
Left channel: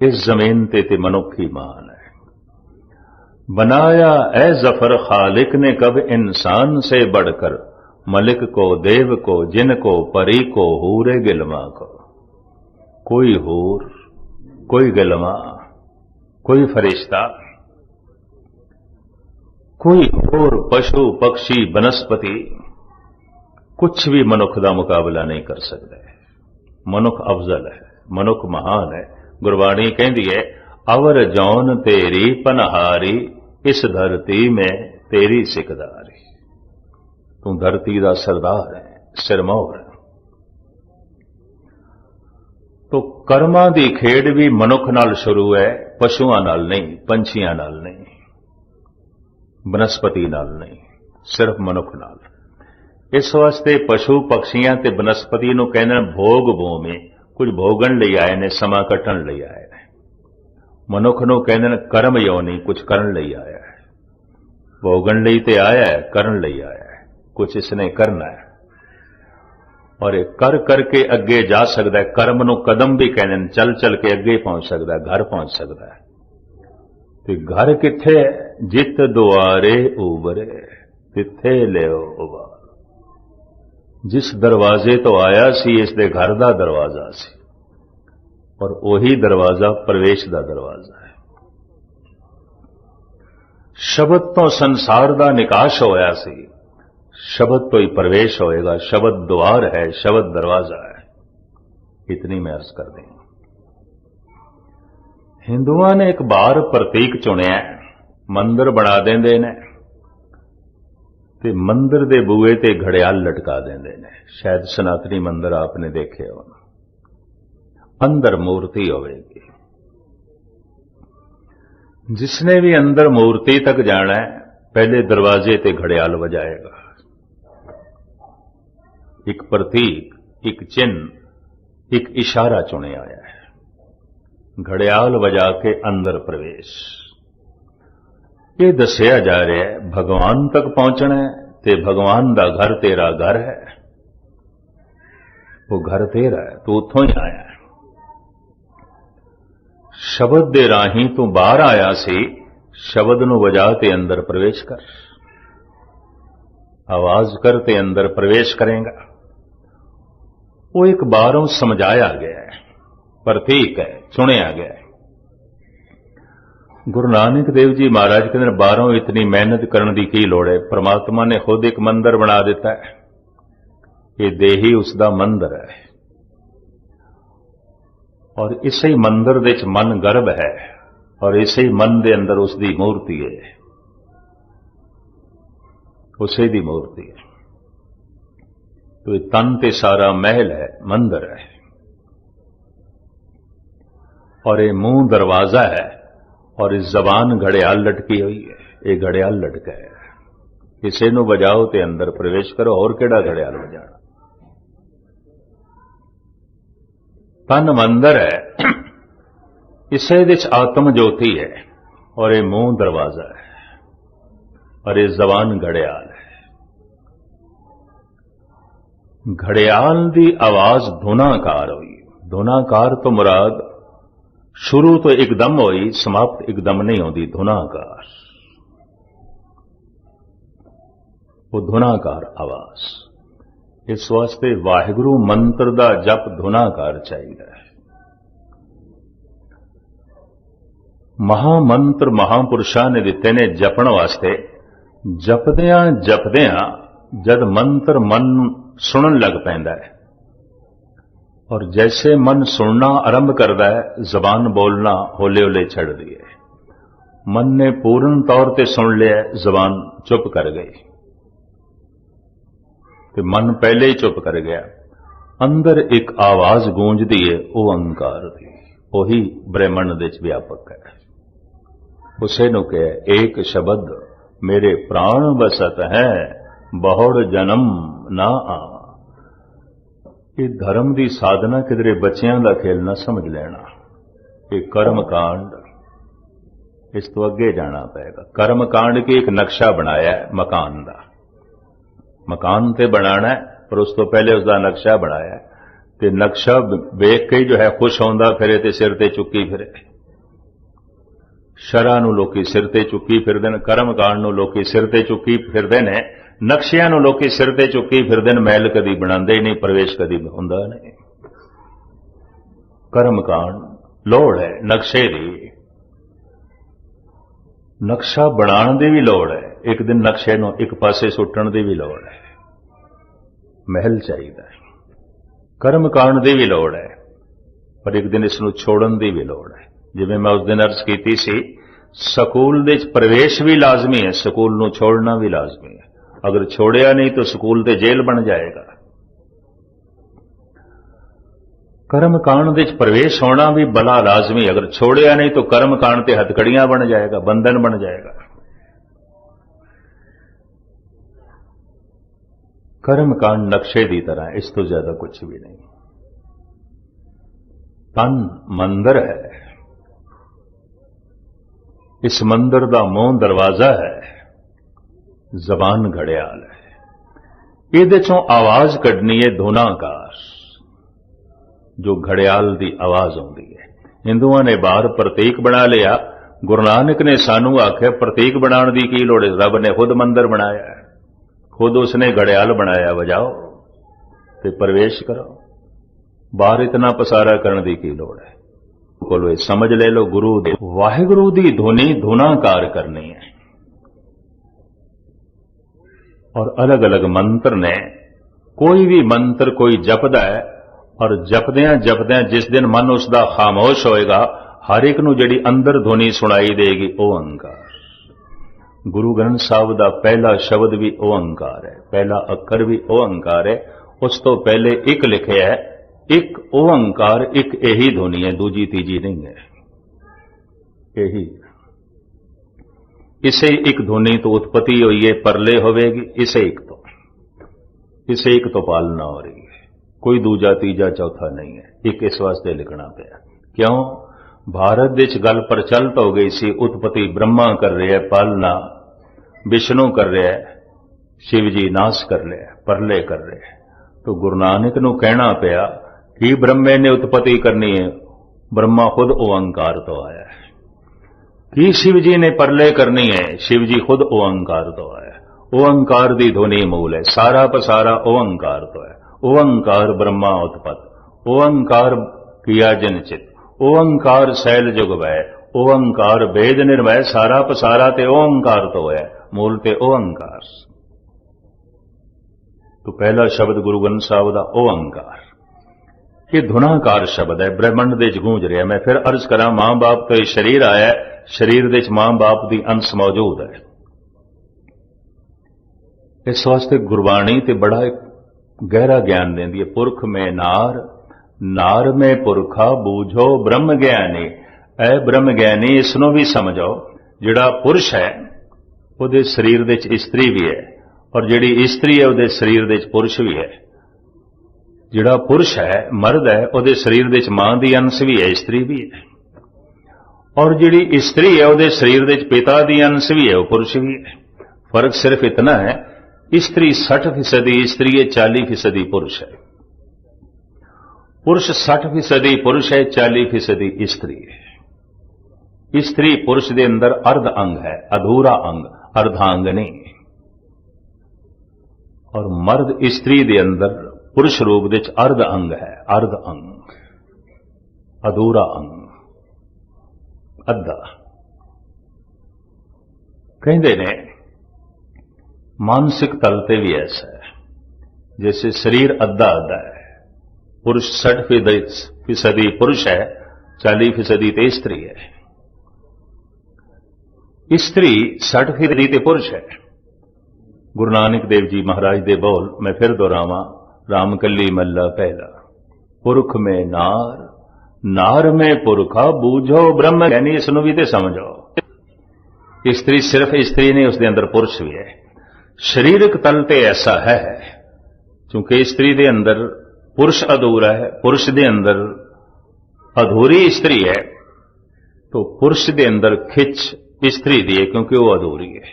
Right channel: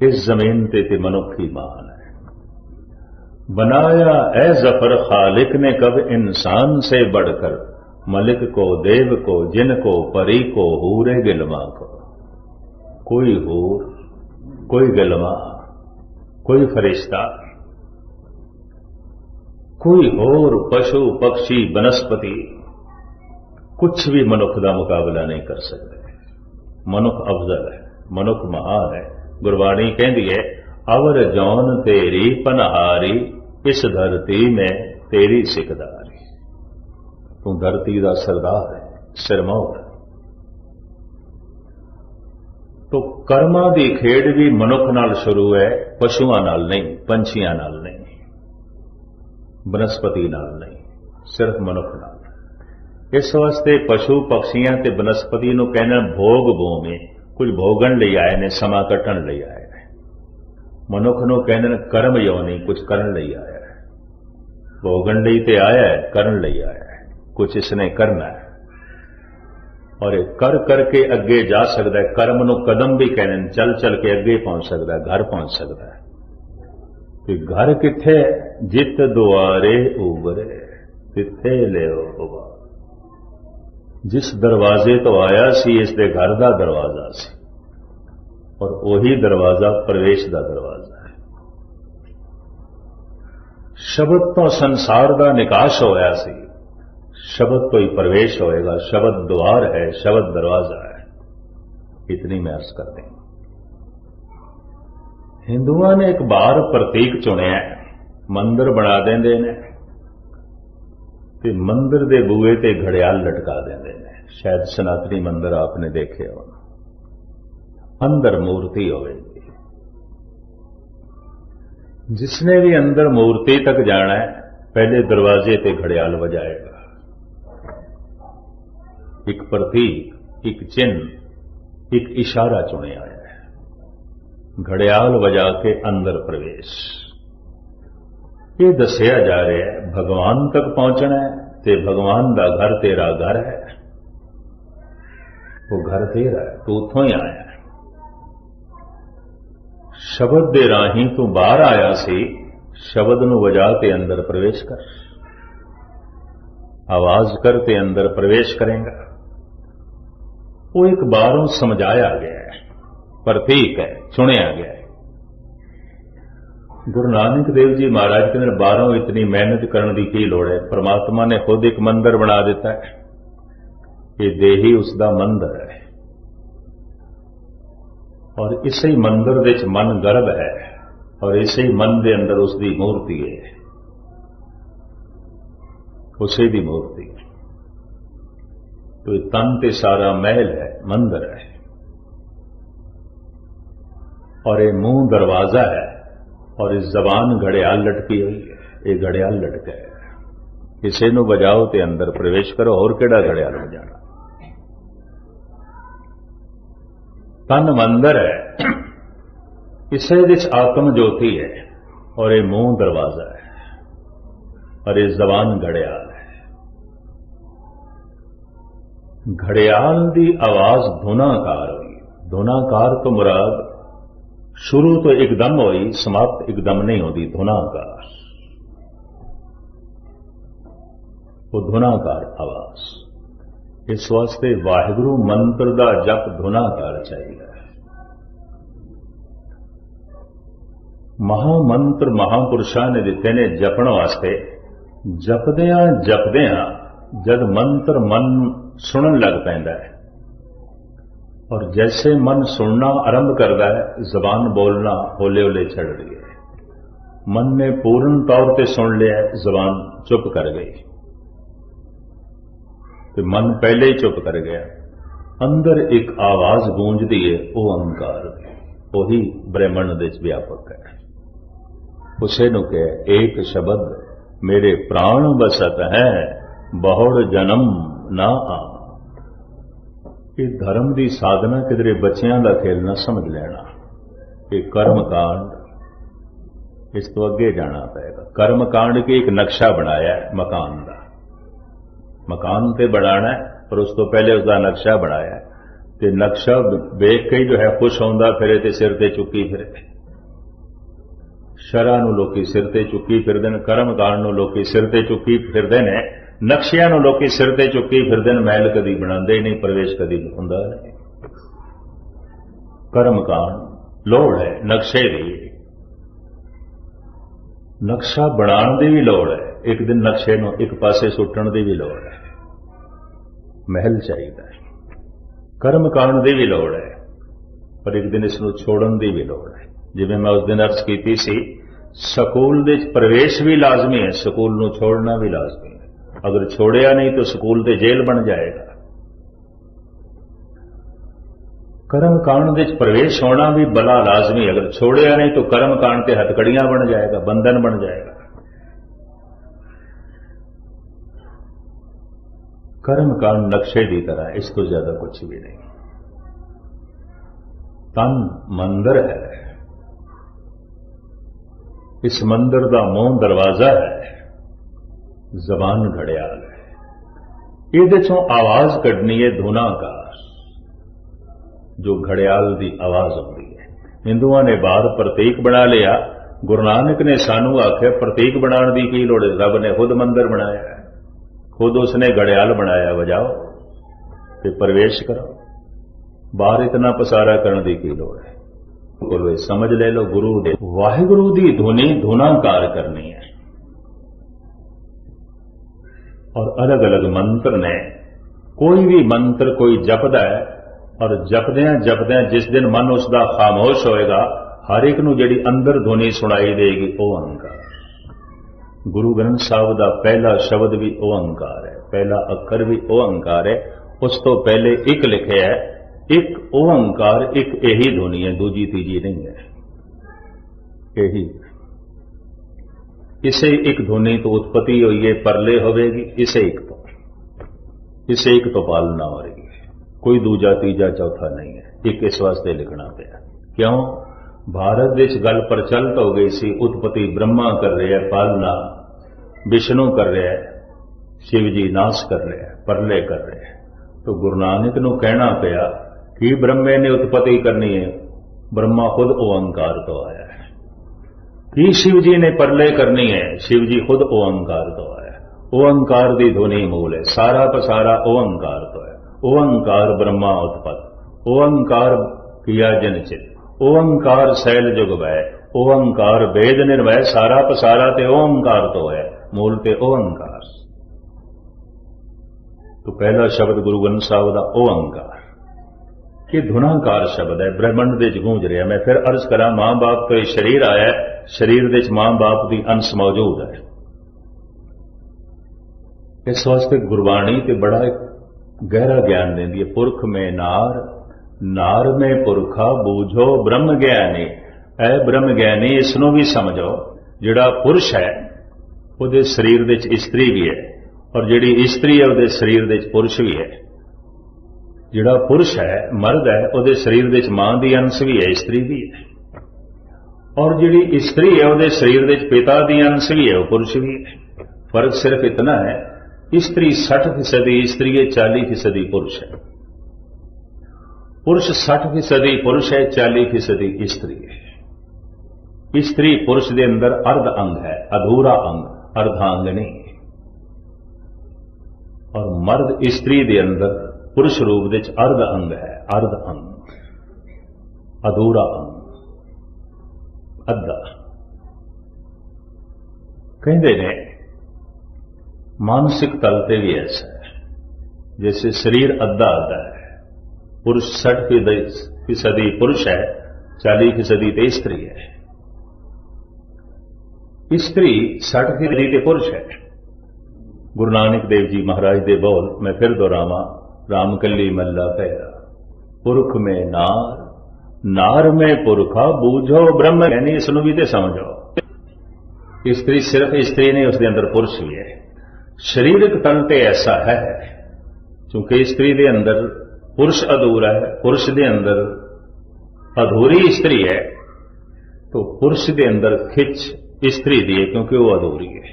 इस जमीन ते मनुख ही महान है। बनाया ए जफर खालिक ने कब इंसान से बढ़कर, मलिक को देव को जिनको परी को हूरे गिलमा को। कोई हूर, कोई गिलमा, कोई फरिश्ता, कोई और पशु पक्षी बनस्पति कुछ भी मनुख का मुकाबला नहीं कर सकते। मनुख अफजल है, मनुख महान है। गुरबाणी कहती है, अवर जौन तेरी पनहारी, इस धरती में तेरी सिकदारी। तू धरती का सरदार है, सिरमौर है। तो कर्मां दी खेड भी मनुख नाल शुरू है, पशुआं नाल नहीं, पंछियां नाल नहीं, बनस्पति नाल नहीं, सिर्फ मनुख नाल। इस वास्ते पशु पक्षियां ते बनस्पति नूं कहना भोग भूमि, कुछ भोगण लई आए ने, समा कटण लई आए ने। मनुख नूं कहंदे कर्म योनि, कुछ करन लई आया है। भोगण लई ते आया है, करन लई आया है, कुछ इसने करना है। और कर करके अगे जा सकता है। कर्म नूं कदम भी कहने, चल चल के अगे पहुंच सकता है, घर पहुंच सकता है। तो घर किथे है? जित दुआरे उबरे तिथे लियो उबार। जिस दरवाजे तो आया सी, इस दे घर दा दरवाजा सी, और वही दरवाजा प्रवेश दा दरवाजा है। शब्द तो संसार दा निकाश होया सी, शब्द तो ही प्रवेश होएगा। शब्द द्वार है, शब्द दरवाजा है। इतनी मैं अर्ज कर दें। हिंदुओं ने एक बार प्रतीक चुनिया, मंदिर बना देंदे ने ते मंदिर दे बूहे ते घड़ियाल लटका देंदे ने। शायद सनातनी मंदिर आपने देखे हो, अंदर मूर्ति होएगी। जिसने भी अंदर मूर्ति तक जाना है, पहले दरवाजे ते घड़ियाल बजाएगा। एक प्रतीक, एक चिन्ह, एक इशारा चुने आया है। घड़ियाल बजा के अंदर प्रवेश। ये दसिया जा रहा है भगवान तक पहुंचना है, ते भगवान दा घर तेरा घर है। वो घर तेरा है, तू उथों ही आया है। शब्द दे राही तू बाहर आया सी, शब्द नूं वजा ते अंदर प्रवेश कर। आवाज कर ते अंदर प्रवेश करेगा। वो एक बारों समझाया गया है, प्रतीक है, चुनिया गया है। गुरु नानक देव जी महाराज के अंदर बारों इतनी मेहनत करने की की लोड़ है। परमात्मा ने खुद एक मंदिर बना दिता है। ये देह ही उसका मंदिर है, और इसे मंदिर दे च मन गर्भ है, और इसे मन दे अंदर उसकी मूर्ति है, उसे दी मूर्ति है। तो तन ते सारा महल है, मंदिर है, और ये मुंह दरवाजा है, और इस जबान घड़ियाल लटकी हुई है। ये घड़ियाल लटका है, किसी नूं बजाओ ते अंदर प्रवेश करो। और केड़ा घड़ियाल बजाना? तन मंदिर है, इसे विच आत्म ज्योति है, और ये मुंह दरवाजा है, और ये जबान घड़ियाल है। घड़ियाल की आवाज धुनाकार हुई। धुनाकार तो मुराद शुरू तो एकदम हुई, समाप्त एकदम नहीं होती। धुनाकार, वो धुनाकार आवाज। इस वास्ते वाहिगुरु मंत्र दा जप धुनाकार चाहिए। महामंत्र महापुरुषां ने दिते ने जपण वास्ते। जपदियां जपदियां जद मंत्र मन सुनन लग पैंदा है, और जैसे मन सुनना आरंभ करता है, जबान बोलना होले होले छड़ दी है। मन ने पूर्ण तौर पे सुन लिया, जबान चुप कर गई, तो मन पहले ही चुप कर गया। अंदर एक आवाज गूंजती है, वो ओंकार दी, वही ब्रह्मंड दे च व्यापक है। उसे नु कहे एक शब्द मेरे प्राण बसत है, बहुड़ जन्म ना आ। ये धर्म की साधना किधरे बच्चियां का खेल ना समझ लेना। ये कर्म कांड, इस तो अगे जाना पड़ेगा। कर्म कांड की एक नक्शा बनाया है मकान का। मकान ते बनाना है, पर उस तो पहले उसका नक्शा बनाया। ते नक्शा वेख के जो है खुश होंदा फिरे ते सिर ते चुकी फिरे। शरा नूं लोकी सिर ते चुकी फिरदे ने, कर्म कांड नूं लोकी सिर ते चुकी फिरदे ने, नक्शियां नूं लोकी सिर ते चुकी फिरदे ने। महल कदी बनांदे नहीं, प्रवेश कदी हुंदा नहीं। कर्म कांड लोड़ है नक्शे दी, नक्शा बनाने की भी लोड़ है। एक दिन नक्शे नूं एक पासे सुट्टण की भी लोड़ है। महल चाहिए। कर्म कांड की भी लोड़ है, पर एक दिन इसनूं छोड़न की भी लोड़ है। जिवें मैं उस दिन अर्ज की सी, स्कूल दे प्रवेश भी लाजमी है, स्कूल नूं छोड़ना भी लाजमी है। अगर छोड़िया नहीं तो स्कूल ते जेल बन जाएगा। कर्म कांड विच प्रवेश होना भी बड़ा लाजमी, अगर छोड़िया नहीं तो कर्म कांड ते हथकड़ियां बन जाएगा, बंधन बन जाएगा। कर्म कांड नक्शे की तरह, इस तो ज्यादा कुछ भी नहीं। तन मंदिर है, इस मंदिर का मूंह दरवाजा है, जबान घड़ियाल है। ये चों आवाज कढ़नी है धुनाकार, जो घड़ियाल की आवाज आती है। हिंदुओं ने बाहर प्रतीक बना लिया, गुरु नानक ने सानू आख्या प्रतीक बनाने की की लोड़, रब ने खुद मंदिर बनाया है, खुद उसने घड़ियाल बनाया, बजाओ ते प्रवेश करो, बाहर इतना पसारा करने की की लोड़ है। कोई समझ ले लो, गुरु दे वाहिगुरु दी धुनी धुनाकार करनी है। और अलग अलग मंत्र ने, कोई भी मंत्र कोई जपदा है, और जपद्या जपद्या जिस दिन मन उसका खामोश होएगा, हर एक नूं जिहड़ी अंदर धुनी सुनाई देगी, ओंकार। गुरु ग्रंथ साहब का पहला शब्द भी ओंकार है, पहला अखर भी ओंकार है। उस तो पहले एक लिखे है, एक ओंकार, एक यही धुनी है, दूजी तीजी नहीं है, यही। इसे एक धुनी तो उत्पत्ति हुई है, परले होवेगी, इसे एक तो पालना हो रही है, कोई दूजा तीजा चौथा नहीं है, एक इस वास्ते लिखना पाया। क्यों? भारत विच गल प्रचलित हो गई सी, उत्पत्ति ब्रह्मा कर रहे हैं, पालना विष्णु कर रहे हैं, शिव जी नाश कर रहे हैं, परले कर रहे हैं। तो गुरु नानक नूं कहना पाया कि ब्रह्मे ने उत्पत्ति करनी है, ब्रह्मा खुद ओंकार तो आया है। कि शिव जी ने परले करनी है, शिव जी खुद ओंकार तो आया है। ओंकार दी ध्वनि मूल है, सारा पसारा ओंकार तो है। ओंकार ब्रह्मा उत्पत्त, ओंकार किया जन चित, ओंकार शैल जुग वै, ओंकार वेद निर्भय, सारा पसारा ते ओंकार तो है, मूल ते ओंकार। तो पहला शब्द गुरु ग्रंथ साहब का ओंकार, ये धुनाकार शब्द है, ब्रह्मंड दे गूंज रहा। मैं फिर अर्ज करा, मां बाप तो शरीर आया, शरीर दे मां बाप की अंश मौजूद है। इस वास्ते गुरबाणी ते बड़ा एक गहरा ज्ञान देंदी है। पुरख में नार, नार में पुरखा, बूझो ब्रह्म ज्ञानी। ऐ ब्रह्म ज्ञानी, इसनों भी समझो, जिहड़ा पुरुष है उहदे शरीर दे इस्त्री भी है, और जिहड़ी इस्त्री है उहदे शरीर दे पुरुष भी है। जिहड़ा पुरुष है, मर्द है, उहदे शरीर दे मां दी अंश भी है, स्त्री भी है। और जिहड़ी स्त्री है उहदे शरीर दे पिता दी अंश भी है, वो पुरुष भी है। फर्क सिर्फ इतना है, स्त्री 60% स्त्री है, 40% पुरुष है। पुरुष 60% पुरुष है, 40% स्त्री है। स्त्री पुरुष के अंदर अर्ध अंग है, अधूरा अंग, अर्धांग नहीं। और मर्द स्त्री के अंदर पुरुष रूप विच अर्ध अंग है, अर्ध अंग, अधूरा अंग, अद्धा। कहते ने मानसिक तल पे भी ऐसा है, जैसे शरीर अद्धा अद्धा है, पुरुष 60% पुरुष है, 40% स्त्री है। स्त्री 60% पुरुष है। गुरु नानक देव जी महाराज दे बोल मैं फिर दोहरावा, राम कली मल्ला पहला, पुरख में नार, नार में पुरखा, बूझो ब्रह्म ज्ञानी। इसनों भी तो समझो, स्त्री सिर्फ स्त्री नहीं, उसके अंदर पुरुष भी है। शरीरक तल ते ऐसा है, क्योंकि स्त्री के अंदर पुरुष अधूरा है, पुरुष के अंदर अधूरी स्त्री है, तो पुरुष के अंदर खिच स्त्री दी है, क्योंकि वो अधूरी है,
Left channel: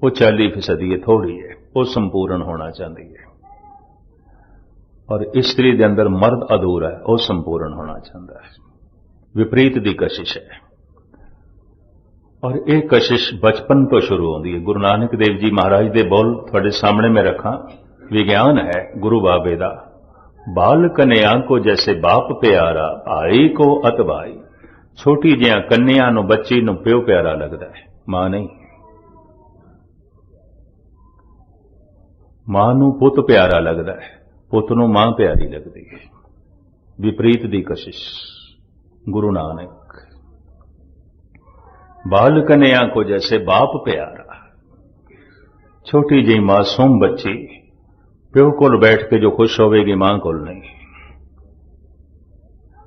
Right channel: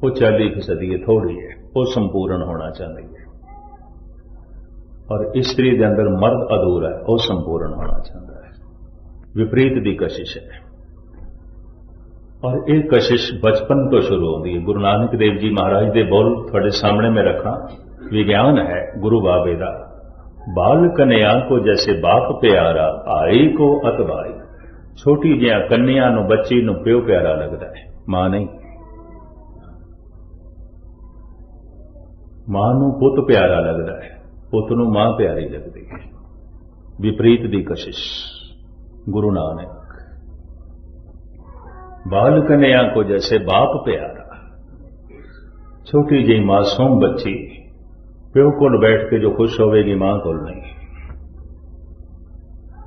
वो 40% है, थोड़ी है, वो संपूर्ण होना चाहती है। और स्त्री के अंदर मर्द अधूरा है, वो संपूर्ण होना चाहता है। विपरीत की कशिश है, और ये कशिश बचपन तो शुरू होती है। गुरु नानक देव जी महाराज के बोल थोड़े सामने में रखा, विज्ञान है गुरु बाबे दा, बाल कन्या को जैसे बाप प्यारा, भाई को अत भाई। छोटी जिहा कन्या नूं, बच्ची नूं प्यो प्यारा लगता है, मां नहीं। मां नूं पुत प्यारा लगता है, पुत नूं मां प्यारी लगती है। विपरीत दी कशिश गुरु नानक। बाल कन्या को जैसे बाप प्यारा, छोटी जी मासूम बच्ची प्यो कोल बैठ के जो खुश होवेगी मां कोल नहीं,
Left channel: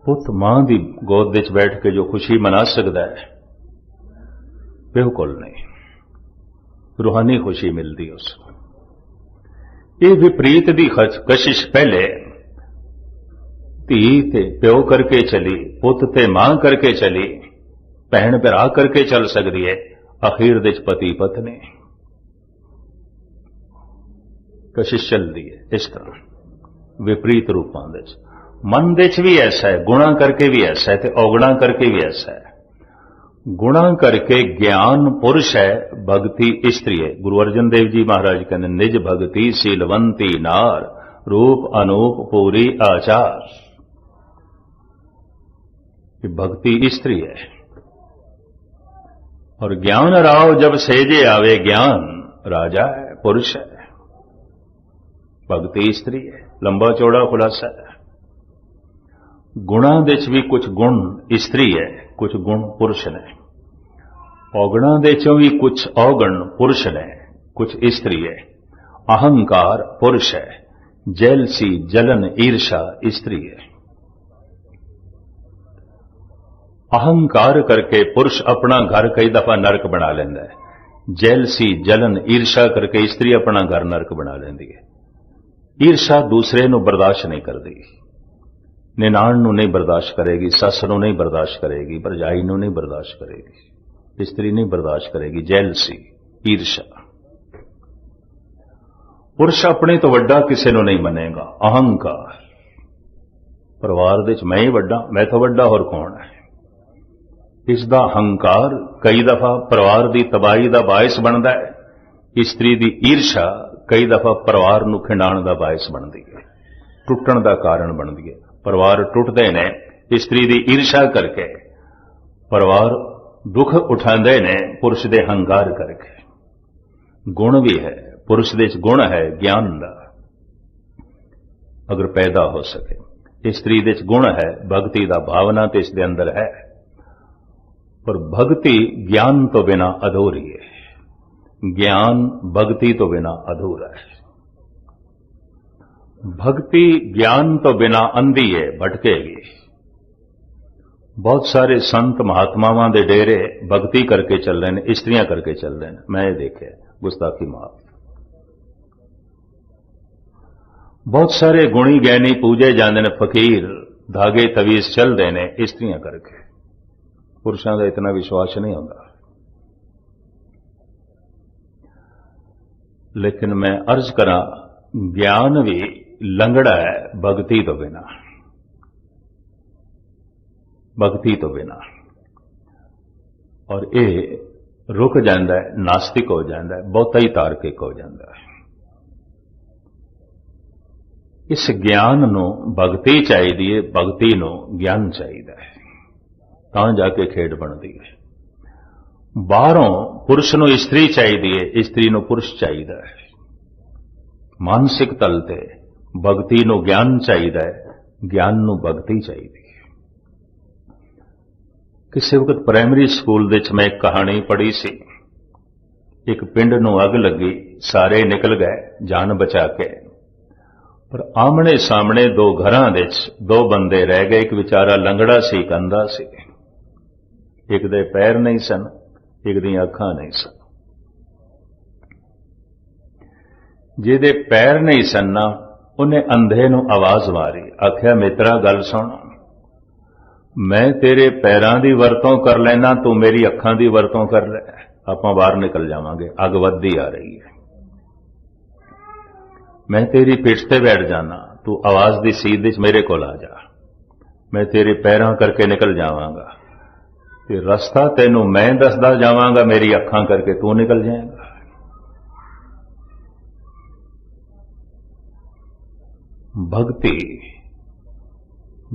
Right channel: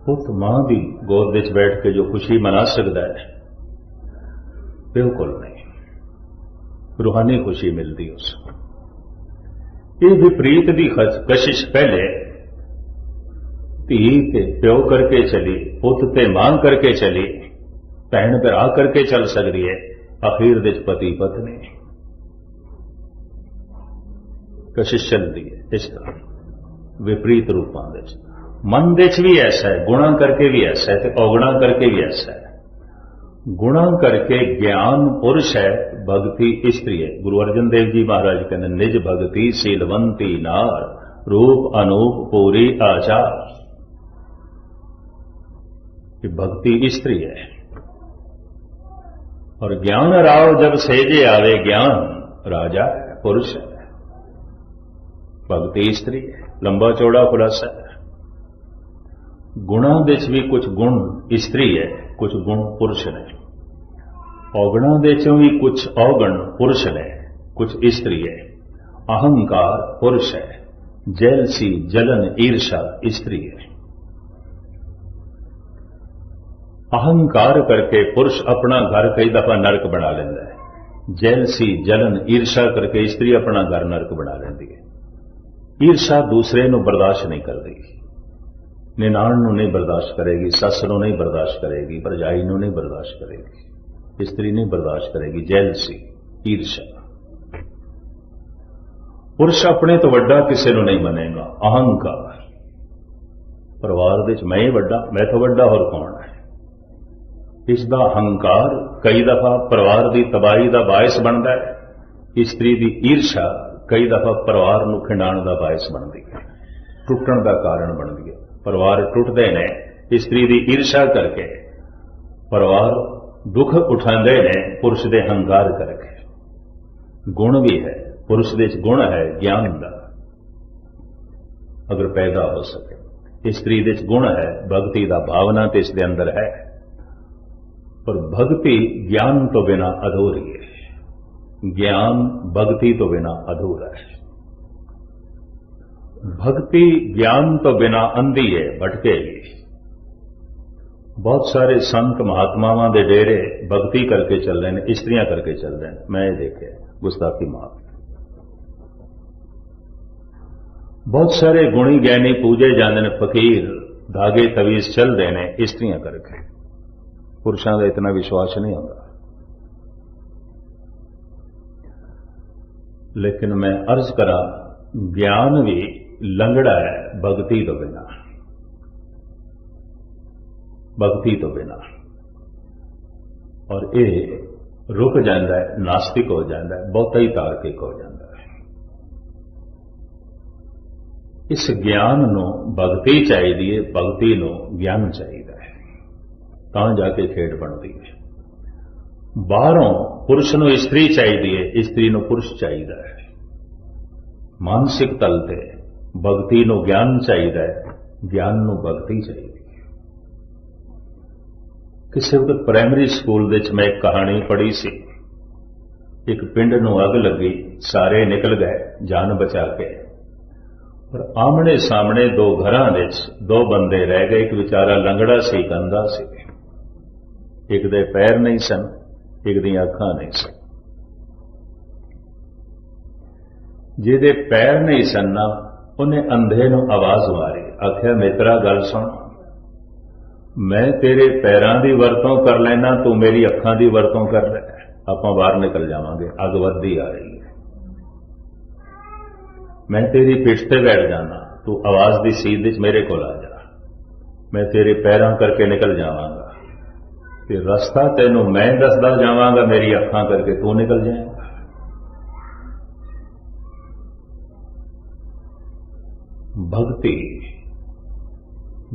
पुत मां दी गोद विच बैठ के जो खुशी मना सकता है प्यो कोल नहीं, रूहानी खुशी मिलती उसको। ये विपरीत दी कशिश पहले धी ते प्यो करके चली, पुत ते मां करके चली, भैन भरा करके चल सकती है, आखिर दे पति पत्नी कशिश चलती है। इस तरह विपरीत रूपों दे मन दे भी ऐसा है, गुणा करके भी ऐसा है, अवगुणा करके भी ऐसा है। गुणा करके ज्ञान पुरुष है, भक्ति स्त्री है। गुरु अर्जन देव जी महाराज कहते निज भक्ति शीलवंती नार, रूप अनूप पूरी आचार। ये भक्ति स्त्री है। और ज्ञान राव जब सेजे आवे, ज्ञान राजा है, पुरुष है, भक्ति स्त्री है। लंबा चौड़ा खुलासा है। गुणा दे भी कुछ गुण स्त्री है, कुछ गुण पुरुष ने। औगणा दे भी कुछ अवगण पुरुष ने, कुछ स्त्री है। अहंकार पुरुष है, जेलसी जलन ईर्षा स्त्री है। अहंकार करके पुरुष अपना घर कई दफा नरक बना लेंदा है। जेलसी जलन ईर्षा करके स्त्री अपना घर नरक बना लेंदी है। ईर्षा दूसरे नूं बर्दाश्त नहीं करती, निनाण नूं नहीं बर्दाश्त करेगी, सस नूं नहीं बर्दाश्त करेगी, भरजाई नूं नहीं बर्दाश्त करेगी, स्त्री नहीं बर्दाश्त करेगी। जेलसी ईर्षा। पुरुष अपने तो वड्डा किसी नूं नहीं मनेगा। अहंकार, परिवार दे मैं ही वड्डा, मैं तो वड्डा होर कौन है। इसका अहंकार कई दफा परिवार की तबाही का बायस बनता है। स्त्री की ईर्षा कई दफा परिवार नूं खिंडाण का बायस बनती है, टुटण का कारण बनती है। परिवार टुटते ने स्त्री की ईर्षा करके, परिवार दुख उठाते ने पुरुष के अहंकार करके। गुण भी है, पुरुष दे गुण है ज्ञान का, अगर पैदा हो सके। स्त्री दे गुण है भक्ति का, भावना तो इसके अंदर है, पर भक्ति ज्ञान तो बिना अधूरी है। ज्ञान भक्ति तो बिना अधूरा है। भक्ति ज्ञान तो बिना अंधी है, भटकेगी। बहुत सारे संत महात्मावां दे डेरे भक्ति करके चल रहे हैं, स्त्रियां करके चल रहे हैं। मैं ये देखे गुस्ताखी माफ। बहुत सारे गुणी ज्ञानी पूजे जाते हैं, फकीर धागे तवीज चल रहे हैं स्त्रियां करके। पुरुषों का इतना विश्वास नहीं होता। लेकिन मैं अर्ज करा, ज्ञान भी लंगड़ा है भक्ति तो बिना, भक्ति तो बिना। और ये रुक जाता है, नास्तिक हो जाता है, बहुता ही तार्किक हो जाता है। इस ज्ञान नूं भक्ति चाहिए, भक्ति नूं ज्ञान चाहिए, तां जाके खेड बनती है। बाहरों पुरुष नूं स्त्री चाहिए, स्त्री नूं पुरुष चाहिए है। मानसिक तल ते भक्ति नूं ज्ञान चाहिए, ज्ञान नूं भक्ति चाहिए। किसी वक्त प्राइमरी स्कूल दे मैं एक कहानी पढ़ी सी। एक पिंड नूं अग लगी, सारे निकल गए जान बचा के, पर आमने सामने दो घरां दे दो बंदे रह गए। एक बेचारा लंगड़ा सी, एक अंधा सी। एक दे पैर नहीं सन, एक दी अखां नहीं सन। जिहदे पैर नहीं सन ना, उन्हें अंधे नूं आवाज मारी, आख्या मित्रा गल सुन, मैं तेरे पैरां दी वरतों कर लेना, तू मेरी अखां दी वरतों कर ले, आपां बाहर निकल जावांगे, अग वधदी आ रही है। मैं तेरी पिठ ते बैठ जाना, तू आवाज दी सीध विच मेरे कोल आ जा, मैं तेरे पैरां करके निकल जावांगा, ते रस्ता तेनू मैं दसदा जावांगा, मेरी अखां करके तू निकल जाएगा। भक्ति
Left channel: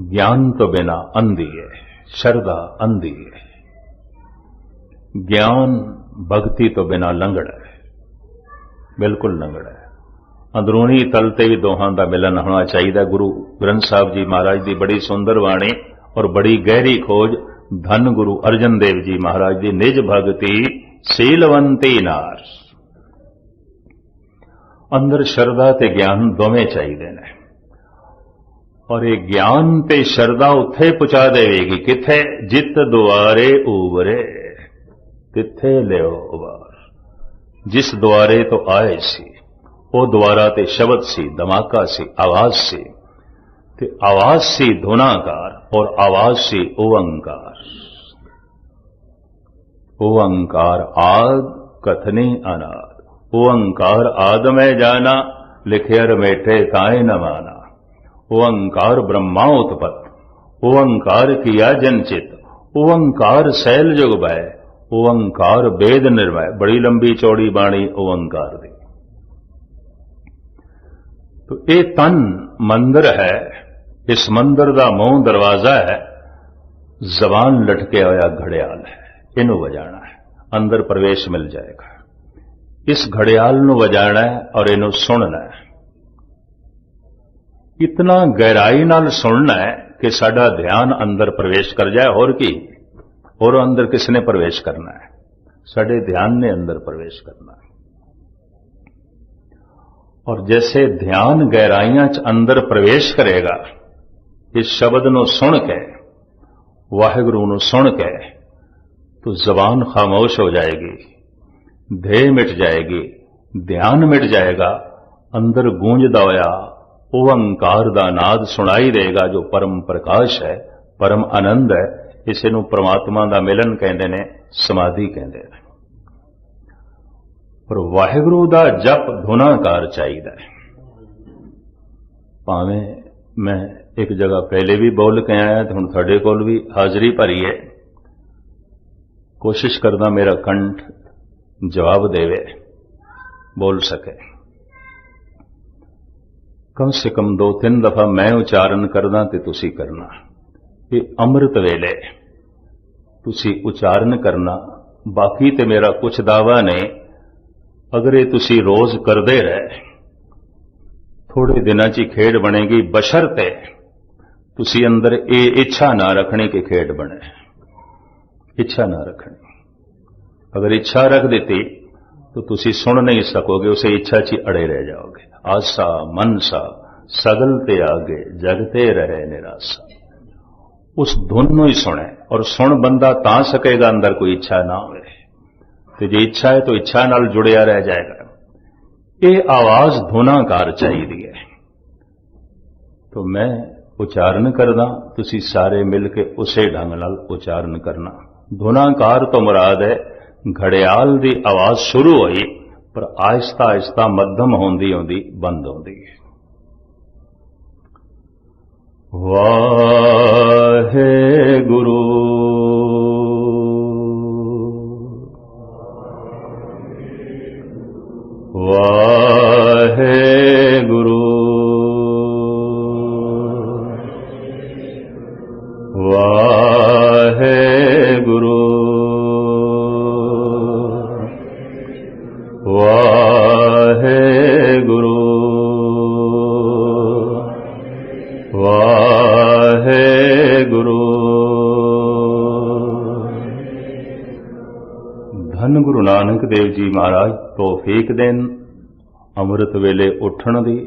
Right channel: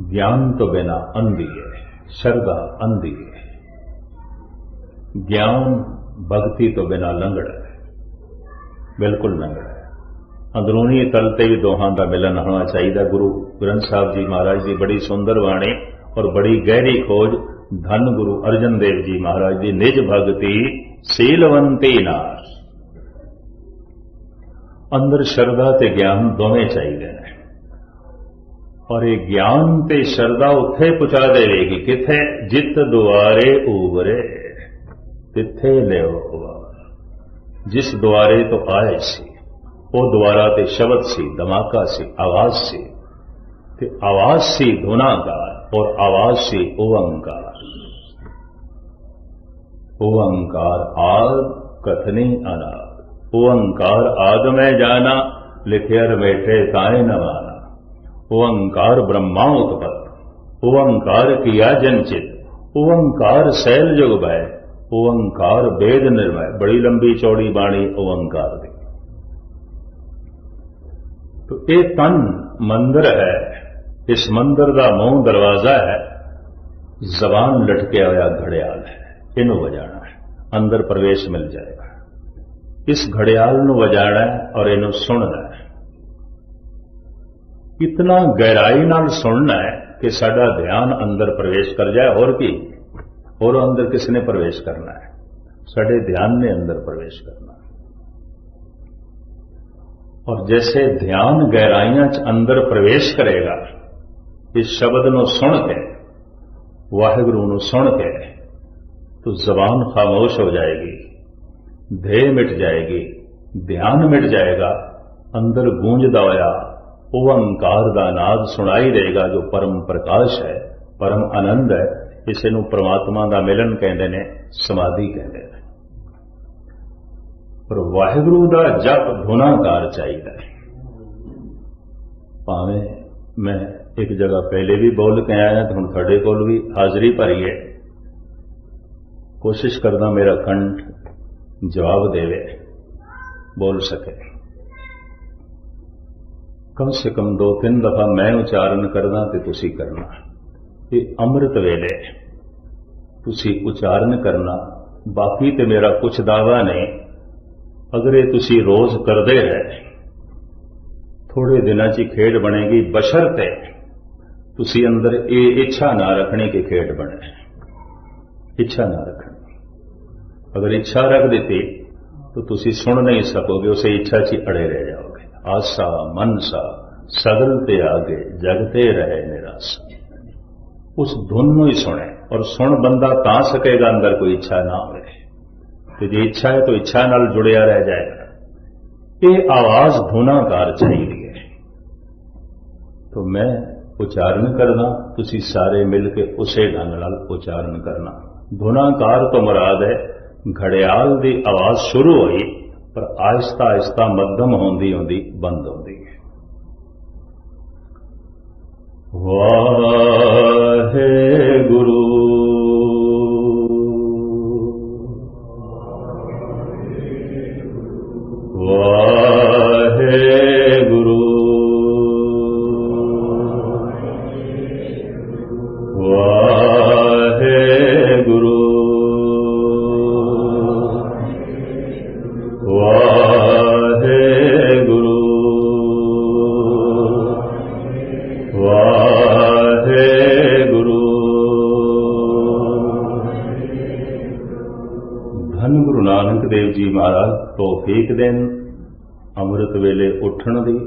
ज्ञान तो बिना अंधी है, श्रद्धा अंधी है। ज्ञान भक्ति तो बिना लंगड़ा है, बिल्कुल लंगड़ा है। अंदरूनी तल ते भी दोहां दा मिलन होना चाहिए। गुरु ग्रंथ साहब जी महाराज की बड़ी सुंदर वाणी और बड़ी गहरी खोज, धन गुरु अर्जन देव जी महाराज की निज भगति शीलवंती नार। अंदर शरदा ते ज्ञान दोवें चाहिए ने। और ये ज्ञान ते शरदा उत्थे पहुंचा देगी किथे, जित दुआरे उवरे तिथे लियो उबार। जिस द्वारे तो आए सी वो द्वारा ते शब्द सी, धमाका सी, आवाज सी, ते आवाज सी धुनाकार और आवाज सी ओंकार। ओंकार आद कथनी अनाद, ओंकार आद में जाना, लिखे रमेठे ताए न माना। ओंकार ब्रह्मा उत्पत्त, ओंकार किया जनचित, ओंकार शैल जुग भय, ओंकार वेद निर्भय। बड़ी लंबी चौड़ी बाणी ओंकार दी। तो ये तन मंदिर है, इस मंदिर का मूंह दरवाजा है, जबान लटके होया घड़ियाल है, इनू वजाना है, अंदर प्रवेश मिल जाएगा। इस घड़ियाल नू वजाना है और इनू सुनना है। इतना गहराई नाल सुनना है कि साडा ध्यान अंदर प्रवेश कर जाए। और की और अंदर किसने प्रवेश करना है? साडे ध्यान ने अंदर प्रवेश करना है। और जैसे ध्यान गहराइयां च अंदर प्रवेश करेगा, इस शब्द नू सुन के, वाहिगुरू नू सुन के, तो जबान खामोश हो जाएगी, ध्येय मिट जाएगी, ध्यान मिट जाएगा। अंदर गूंजदा होया ओंकार दा नाद सुनाई देगा, जो परम प्रकाश है, परम आनंद है। इसे नू परमात्मा दा मिलन कहते ने, समाधि कहते हैं। पर वाहिगुरू दा जप धुनाकार चाहिए। भावें मैं एक जगह पहले भी बोल के आया तो हुण तुहाडे कोल भी हाजरी भरी है। कोशिश करदा मेरा कंठ जवाब देवे, बोल सके। कम से कम 2-3 दफा मैं उच्चारण करदा ते तुसी करना। ये अमृत वेले तुसी उच्चारण करना। बाकी ते मेरा कुछ दावा नहीं। अगर ये तुसी रोज करदे रहे, थोड़े दिनां च खेड बनेगी, बशर्ते तुसी अंदर ये इच्छा ना रखनी कि खेड बने। इच्छा ना रखनी। अगर इच्छा रख देती तो तुसी सुन नहीं सकोगे, उसे इच्छा च अड़े रह जाओगे। आशा मनसा सगल ते आगे, जगते रहे निराशा। उस धुन नू ही सुने। और सुन बंदा तां सकेगा अंदर कोई इच्छा ना हो। तो जे इच्छा है तो इच्छा नाल जुड़िया रह जाएगा। ये आवाज धुनाकार चाहिए है। तो मैं उच्चारण करना, तुसी सारे मिलके उसे ढंग नाल उच्चारण करना। धुनाकार तो मुराद है घड़ियाल दी आवाज शुरू हुई, पर आहिस्ता आहिस्ता मध्यम होंदी होंदी बंद होंदी है। वाहेगुरु वाहेगुरु वाहेगुरु वाहेगुरु वाहेगुरु। धन गुरु नानक देव जी महाराज तौफीक देन अमृत वेले उठण दी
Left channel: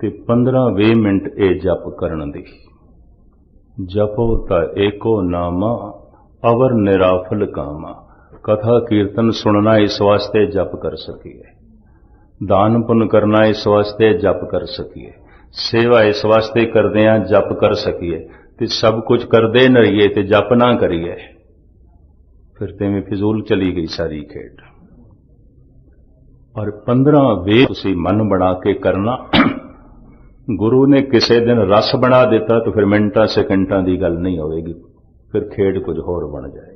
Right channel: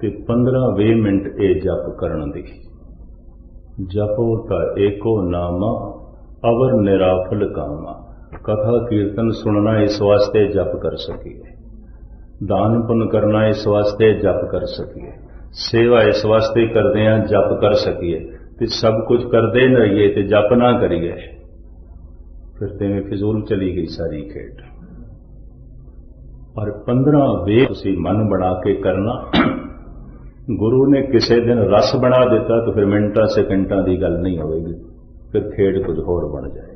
ते 15-20 मिनट ए जप करन दी। जपो ता एको नामा अवर निराफल कामा। कथा कीर्तन सुनना इस वास्ते जप कर सकिए, दान पुण्य करना इस वास्ते जप कर सकिए, सेवा इस वास्ते करदे जप कर सकिए। ते सब कुछ करदे न रहिए ते जप ना करिए, फिर तेमें फिजूल चली गई सारी खेड। और 15-20 तुसी मन बना के करना। गुरु ने किसी दिन रस बना दिता तो फिर मिनटा सेकंडा की गल नहीं होगी, फिर खेड कुछ होर बन जाएगी।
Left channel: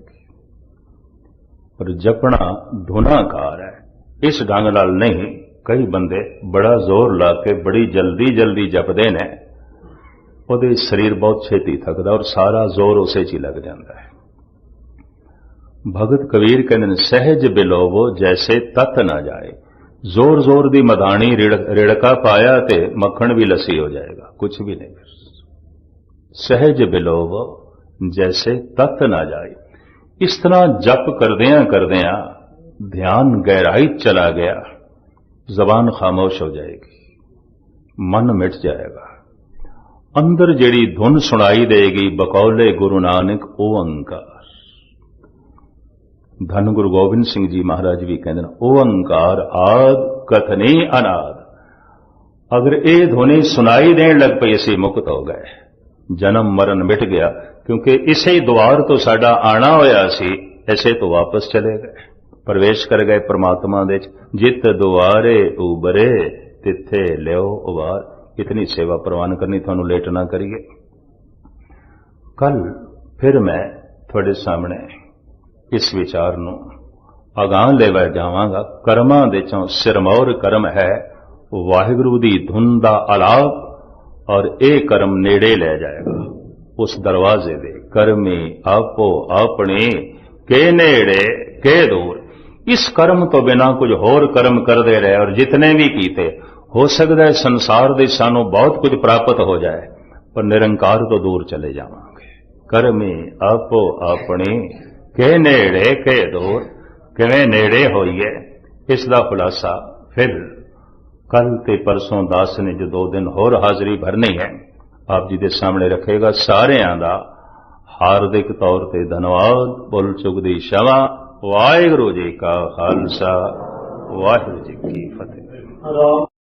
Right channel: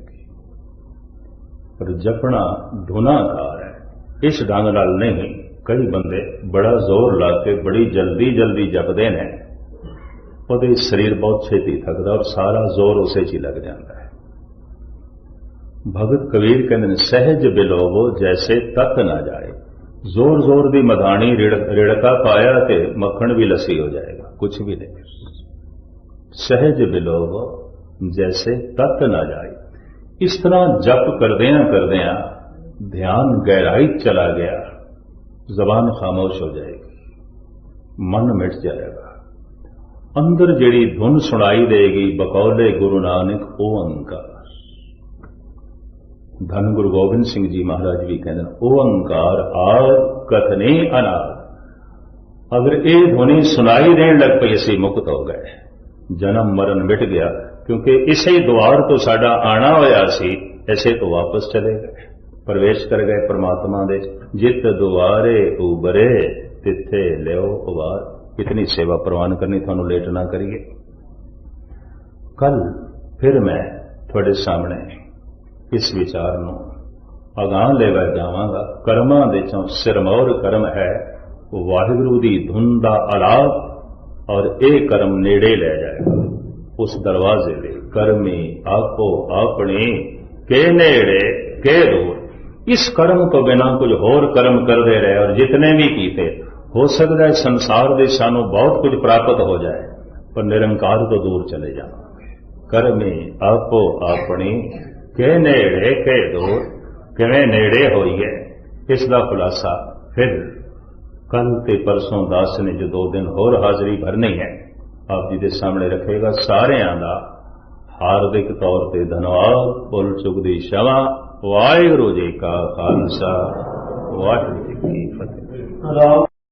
पर जपना धुनाकार है, इस ढंग नाल नहीं। कई बंदे बड़ा जोर ला के बड़ी जल्दी जल्दी जपते हैं, वो शरीर बहुत छेती थकदा और सारा जोर उसे च लग जाता है। भगत कबीर कहते सहज बिलोवो जैसे तत ना जाए। जोर जोर दी मधानी रिड़का पाया ते मक्खन भी लसी हो जाएगा, कुछ भी नहीं। सहज बिलोवो जैसे तत ना जाए। इस तरह जप करदियां करदियां ध्यान गहराई चला गया। जबान खामोश हो जाएगी, मन मिट जाएगा। अंदर जेड़ी धुन सुनाई देगी बकौले गुरु नानक ओंकार। धन गुरु गोबिंद सिंह जी महाराज भी कहते हैं ओंकार आद कथनी अनाद। अगर ये ध्वनि सुनाई देन लग पई असीं मुक्त हो गए, जन्म मरण मिट गया, क्योंकि इसे द्वार तो साडा आना होया सी, ऐसे तो वापस चले गए, प्रवेश कर गए परमात्मा दे। जित दुआरे उबरे तिथे लियो उबार। कितनी सेवा प्रवान करनी, थानू लेट ना करिए। कल फिर मैं थोड़े सामने इस विचार नू अगां लेवा जावांगा। कर्मां दे चों सिरमौर कर्म है वाहिगुरू दी धुन दा आलाप, और ये कर्म नेड़े ले जाएगा उस दरवाजे दे। कर्मी आपो अपने के नेड़े के दूर। इस कर्म तो बिना कुछ होर कर्म करते रहे, और जितने भी कीते, हो सकता है संसार दे सानू बहुत कुछ प्राप्त हो जाए, पर निरंकार तो दूर चले जावांगे। कर्मी आपो अपने के नेड़े के दूर। किवें नेड़े होइए, इसका खुलासा फिर कल ते परसों दास ने जो 2 दिन होर हाजरी भरनी है, आप जी के सामने रखेगा। सारियां दा हार्दिक तौर पर धन्यवाद। भुल चुक दी क्षमा। वाहिगुरू जी का खालसा, वाहिगुरू जी की फतेह।